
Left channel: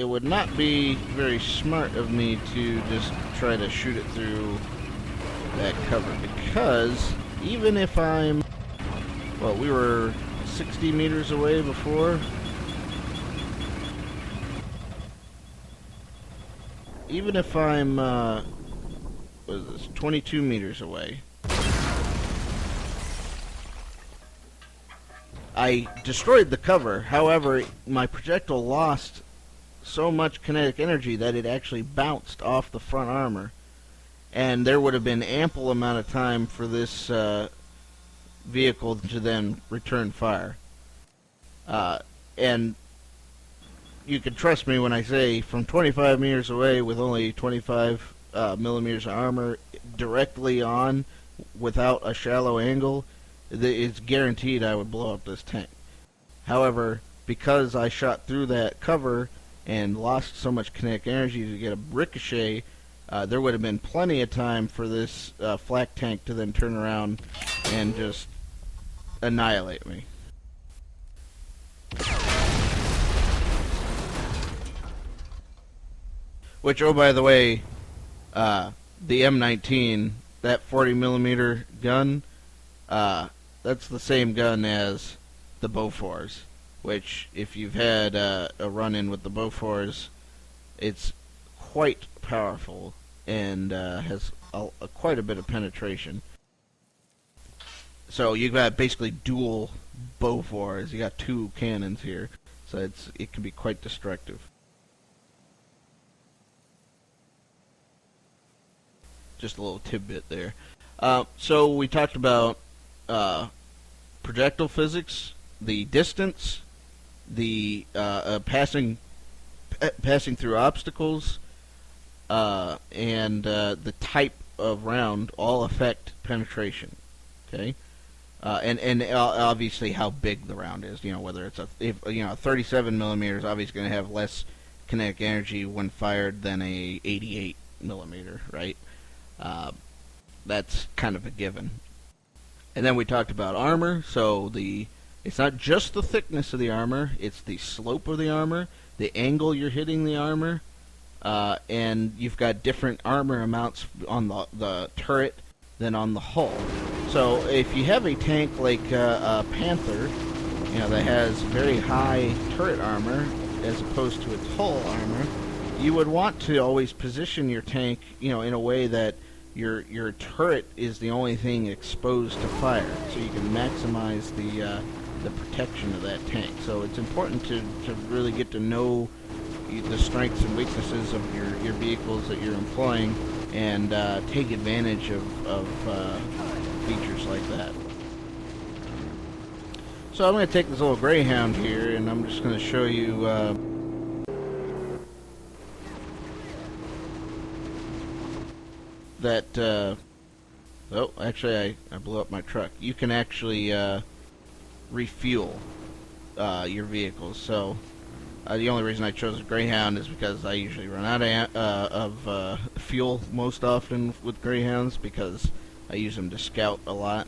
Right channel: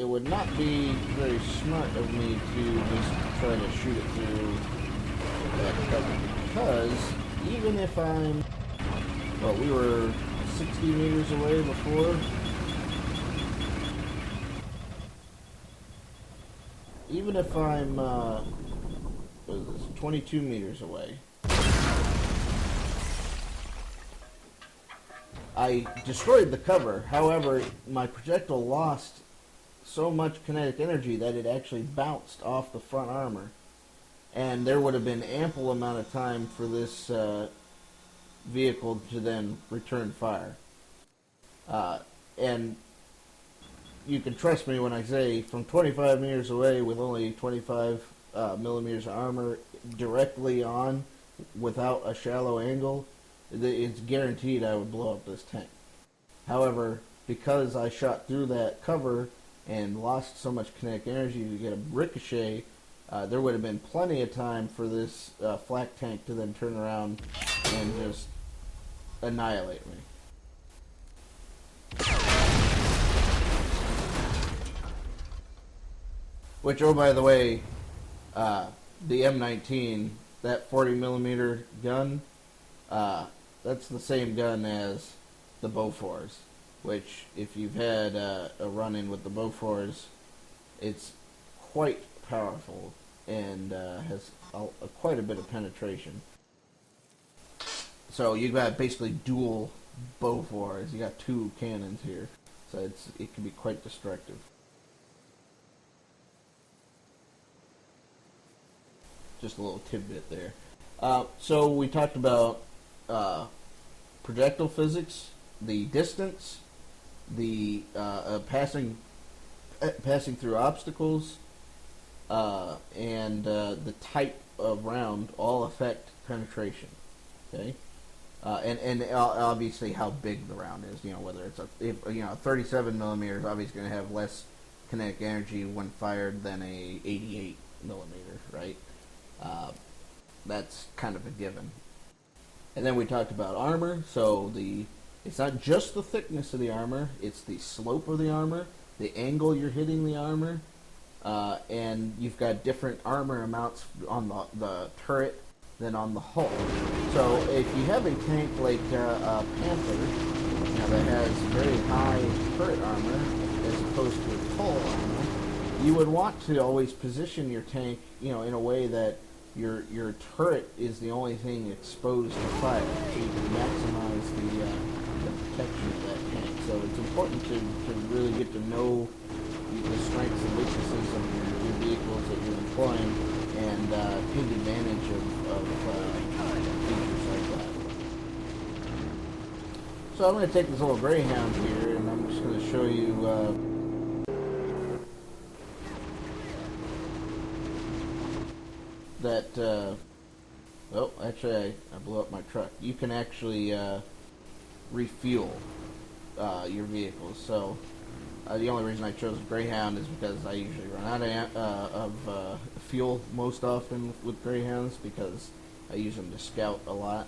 it would not be very smart of me to just try to shoot it through that cover, because even if I'm, well, we were 60 meters away before. Even if I'm, what is this, 22 meters away, I destroyed the cover. However, my projectile lost so much kinetic energy that it actually bounced off the front armor, and there would have been ample amount of time for this vehicle to then return fire. And you can trust me when I say, from 25 meters away with only 25 millimeters of armor directly on without a shallow angle, it's guaranteed I would blow up this tank. However, because I shot through that cover and lost so much kinetic energy to get a ricochet, there would have been plenty of time for this flak tank to then turn around and just annihilate me. Which, oh by the way, the M19, that 40 millimeter gun, that's the same gun as the Bofors, which, if you've had a run-in with the Bofors, it's quite powerful and has quite a bit of penetration. So you've got basically dual Bofors. You got two cannons here, so it can be quite destructive. Just a little tidbit there. So we talked about projectile physics, the distance, the passing through obstacles, and the type of round all affect penetration. Okay, and obviously how big the round is. You know, whether it's a 37 millimeters, obviously going to have less kinetic energy when fired than a 88 millimeter, right? That's kind of a given. And then we talked about armor. So it's not just the thickness of the armor, it's the slope of the armor, the angle you're hitting the armor, and you've got different armor amounts on the turret than on the hull. So if you have a tank like a Panther, that has very high turret armor as opposed to its hull armor, you would want to always position your tank, in a way that your turret is the only thing exposed to fire, so you can maximize the protection of that tank. So it's important to really get to know the strengths and weaknesses of your vehicles that you're employing, and take advantage of features like that. So I'm going to take this little Greyhound here, and I'm just going to show you that, oh, actually I blew up my truck. You can actually refuel your vehicles. So the only reason I chose a Greyhound is because I usually run out of fuel most often with Greyhounds, because I use them to scout a lot.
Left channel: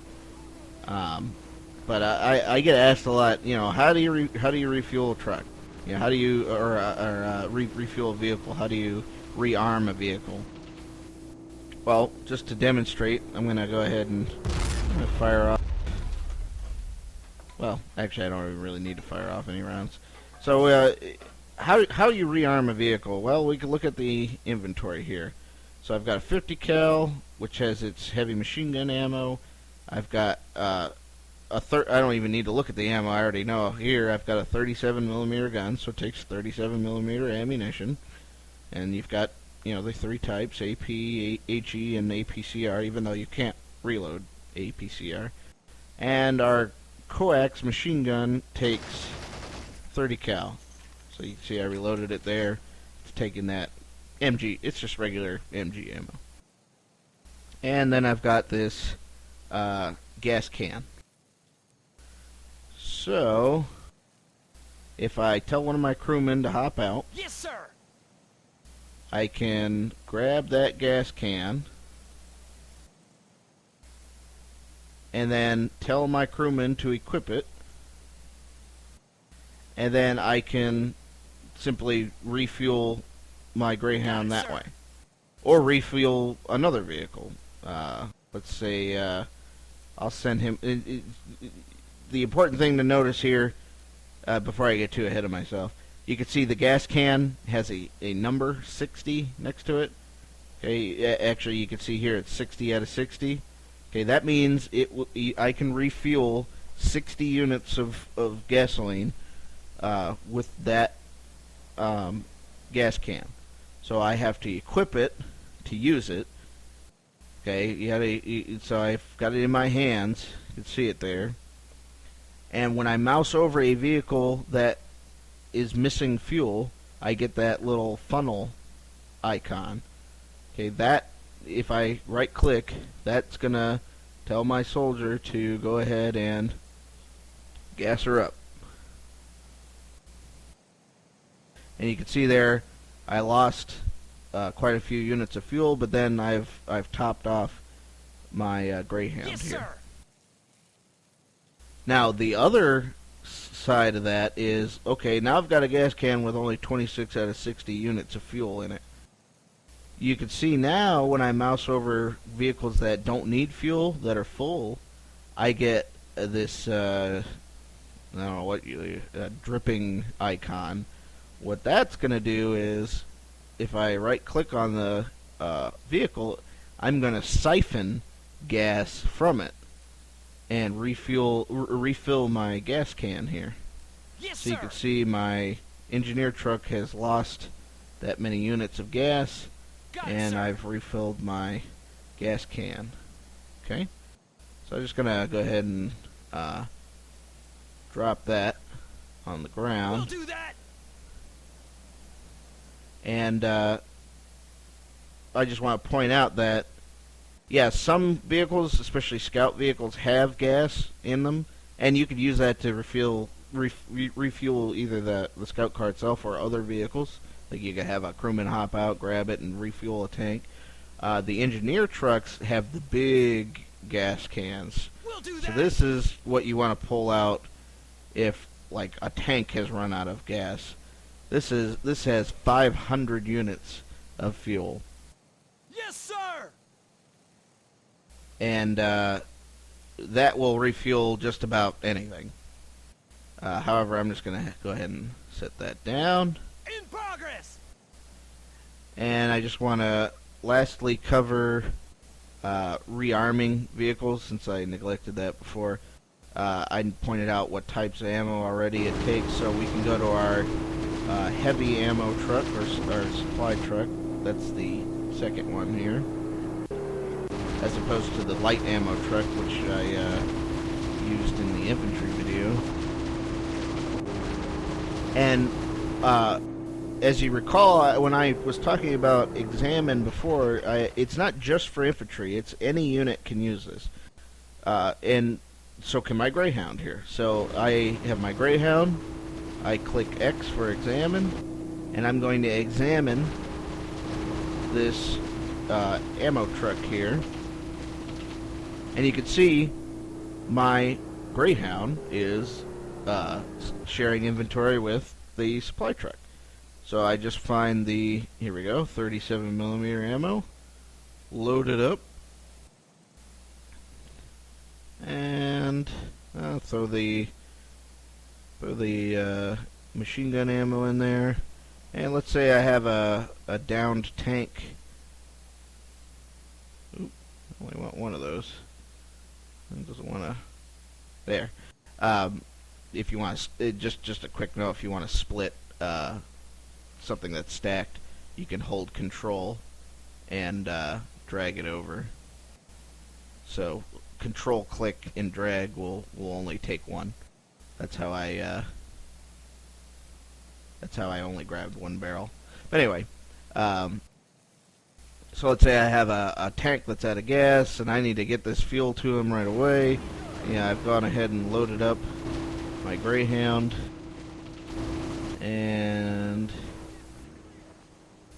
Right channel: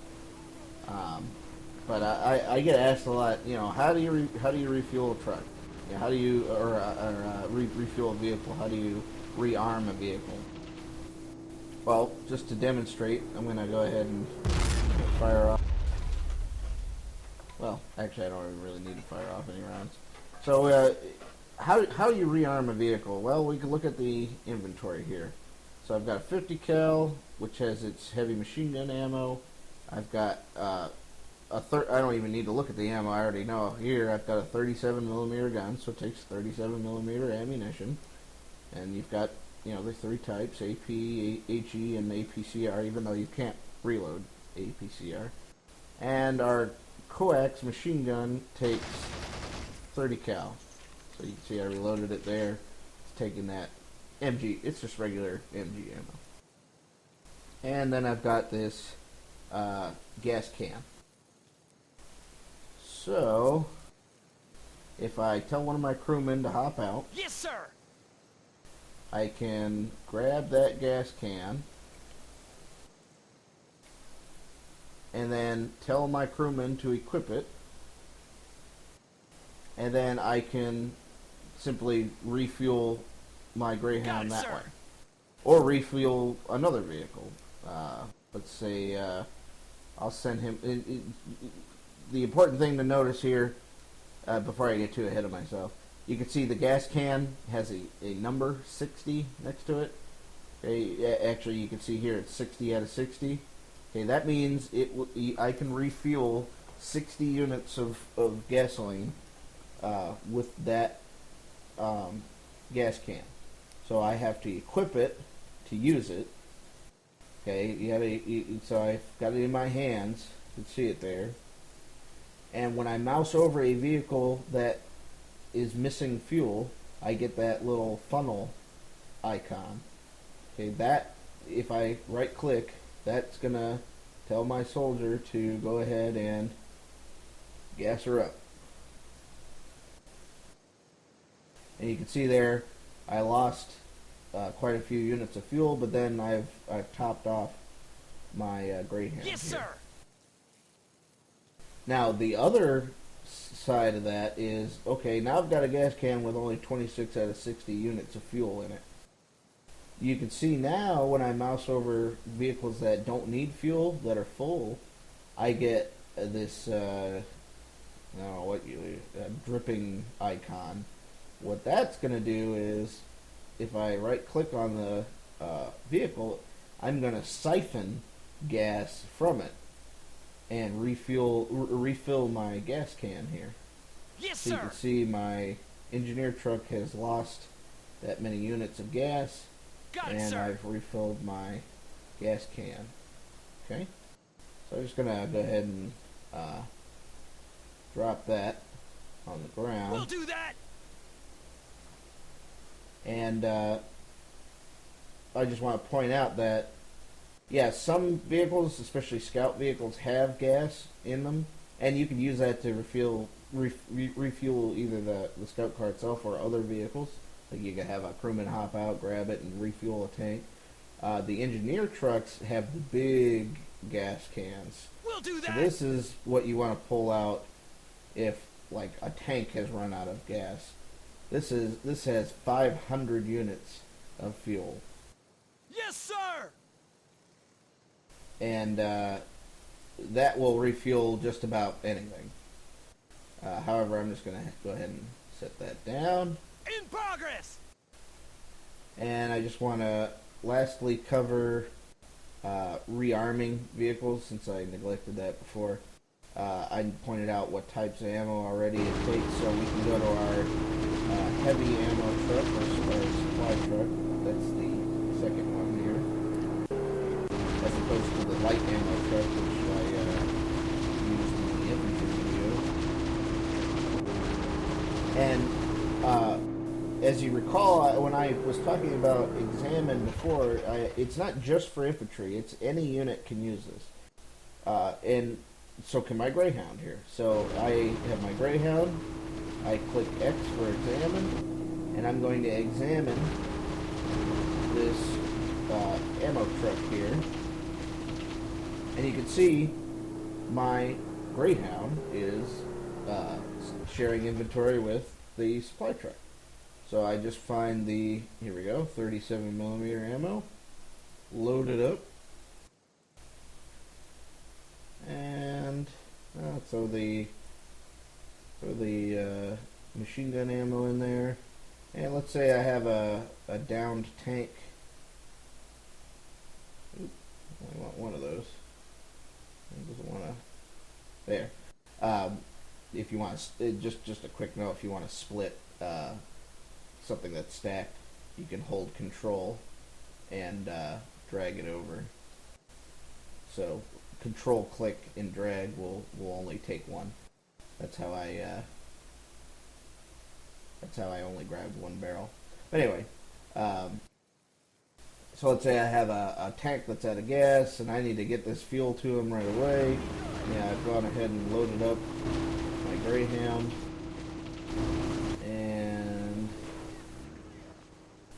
But I get asked a lot, how do you refuel a truck? How do you refuel a vehicle? How do you rearm a vehicle? Well, just to demonstrate, I'm going to go ahead and fire off. Well, actually, I don't even really need to fire off any rounds. So, how do you rearm a vehicle? Well, we can look at the inventory here. So I've got a 50 cal, which has its heavy machine gun ammo, I've got I don't even need to look at the ammo. I already know. Here, I've got a 37 millimeter gun, so it takes 37 millimeter ammunition. And you've got, the three types: AP, HE, and APCR. Even though you can't reload APCR. And our coax machine gun takes 30 cal. So you can see I reloaded it there. It's taking that MG. It's just regular MG ammo. And then I've got this gas can. So, if I tell one of my crewmen to hop out, Yes, sir. I can grab that gas can and then tell my crewman to equip it, and then I can simply refuel my Greyhound Got it, that sir. way. Or refuel another vehicle. Let's say I'll send him... the important thing to notice here, before I get too ahead of myself, you can see the gas can has a number 60 next to it. Okay, actually you can see here it's 60 out of 60. Okay, that means I can refuel 60 units of gasoline with that gas can. So I have to equip it to use it. Okay, so I've got it in my hands. You can see it there. And when I mouse over a vehicle that is missing fuel, I get that little funnel icon. Okay, that, if I right click, that's gonna tell my soldier to go ahead and gas her up. And you can see there I lost quite a few units of fuel, but then I've topped off my Greyhound Yes, here. sir. Now the other side of that is, okay, now I've got a gas can with only 26 out of 60 units of fuel in it. You can see now when I mouse over vehicles that don't need fuel, that are full, I get this, I don't know what dripping icon. What that's going to do is, if I right click on the vehicle, I'm going to siphon gas from it and refill my gas can here. Yes, So you sir. can see my engineer truck has lost that many units of gas, Got it, and sir. I've refilled my gas can. Okay, so I'm just gonna go ahead and drop that on the ground. We'll do that. And I just want to point out that, yeah, some vehicles, especially scout vehicles, have gas in them, and you could use that to refuel either the scout car itself or other vehicles. Like you could have a crewman hop out, grab it, and refuel a tank. The engineer trucks have the big gas cans. We'll do So that. this is what you want to pull out if, like, a tank has run out of gas. This has 500 units of fuel. Yes, sir. And that will refuel just about anything. However, I'm just going to go ahead and set that down. In progress. And I just want to lastly cover rearming vehicles, since I neglected that before. I pointed out what types of ammo already it takes, so we can go to our heavy ammo truck, or supply truck. That's the second one here, as opposed to the light ammo truck, which I used in the infantry video. And as you recall, when I was talking about examine before, it's not just for infantry. It's any unit can use this. And so can my Greyhound here. So I have my Greyhound. I click X for examine, and I'm going to examine this ammo truck here. And you can see my Greyhound is sharing inventory with the supply truck. So I just find the, here we go, 37 millimeter ammo, load it up, and throw the machine gun ammo in there. And let's say I have a downed tank. Oop, only want one of those. It doesn't want to. There. If you want to, just a quick note, if you want to split something that's stacked, you can hold control and drag it over. So control click and drag will only take one. That's how I only grabbed one barrel. But anyway, so let's say I have a tank that's out of gas and I need to get this fuel to him right away. Yeah, I've gone ahead and loaded up my Greyhound, and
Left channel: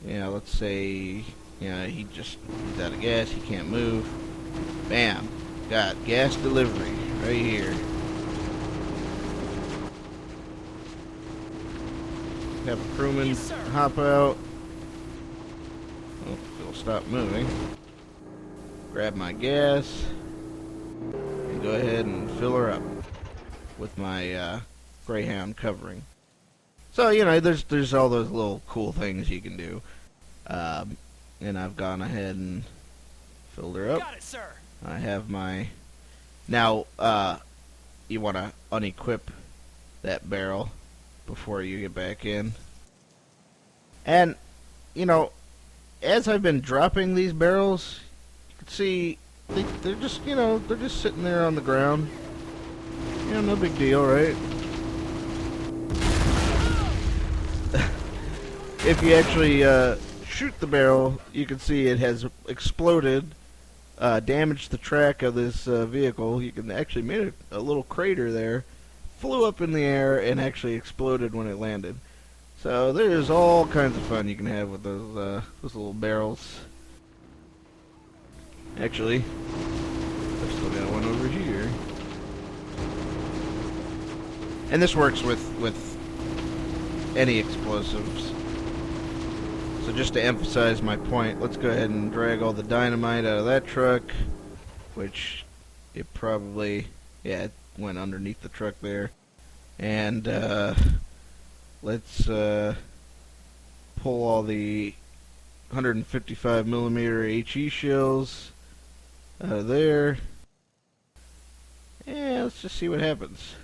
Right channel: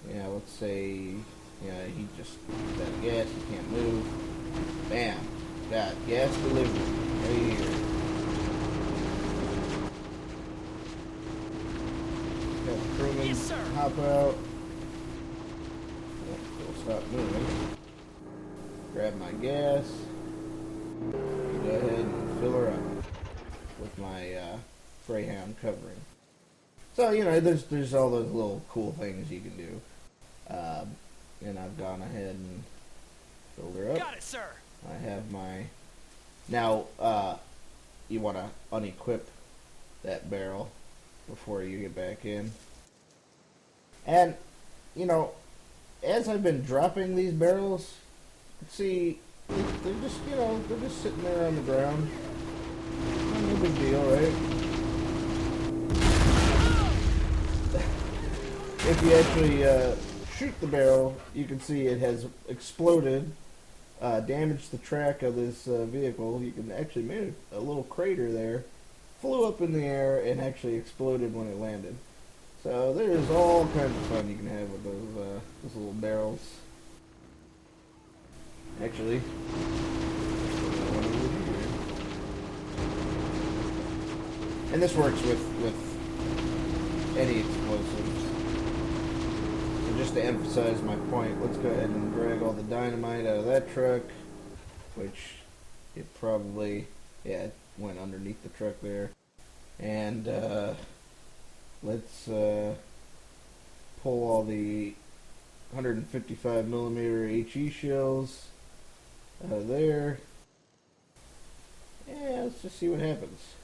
yeah, let's say he's out of gas, he can't move. Bam, got gas delivery right here. Have a crewman Yes, sir. hop out. Oh, it'll stop moving. Grab my gas. And go ahead and fill her up with my Greyhound covering. So there's all those little cool things you can do, and I've gone ahead and filled her up. Got it, sir. I have my now. You want to unequip that barrel before you get back in, and as I've been dropping these barrels, you can see they're just they're just sitting there on the ground. Yeah, no big deal, right? If you actually shoot the barrel, you can see it has exploded, damaged the track of this vehicle. You can actually made a little crater there, flew up in the air, and actually exploded when it landed. So there's all kinds of fun you can have with those little barrels. Actually, let's put in one over here. And this works with any explosives. So just to emphasize my point, let's go ahead and drag all the dynamite out of that truck, which it probably, it went underneath the truck there. And let's pull all the 155 millimeter HE shells out of there. Yeah, let's just see what happens.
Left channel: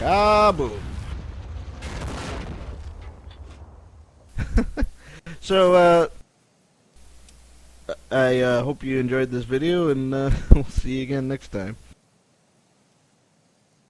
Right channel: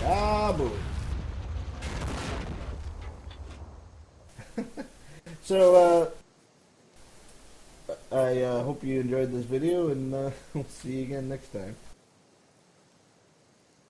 Kaboom! So, I hope you enjoyed this video, and we'll see you again next time.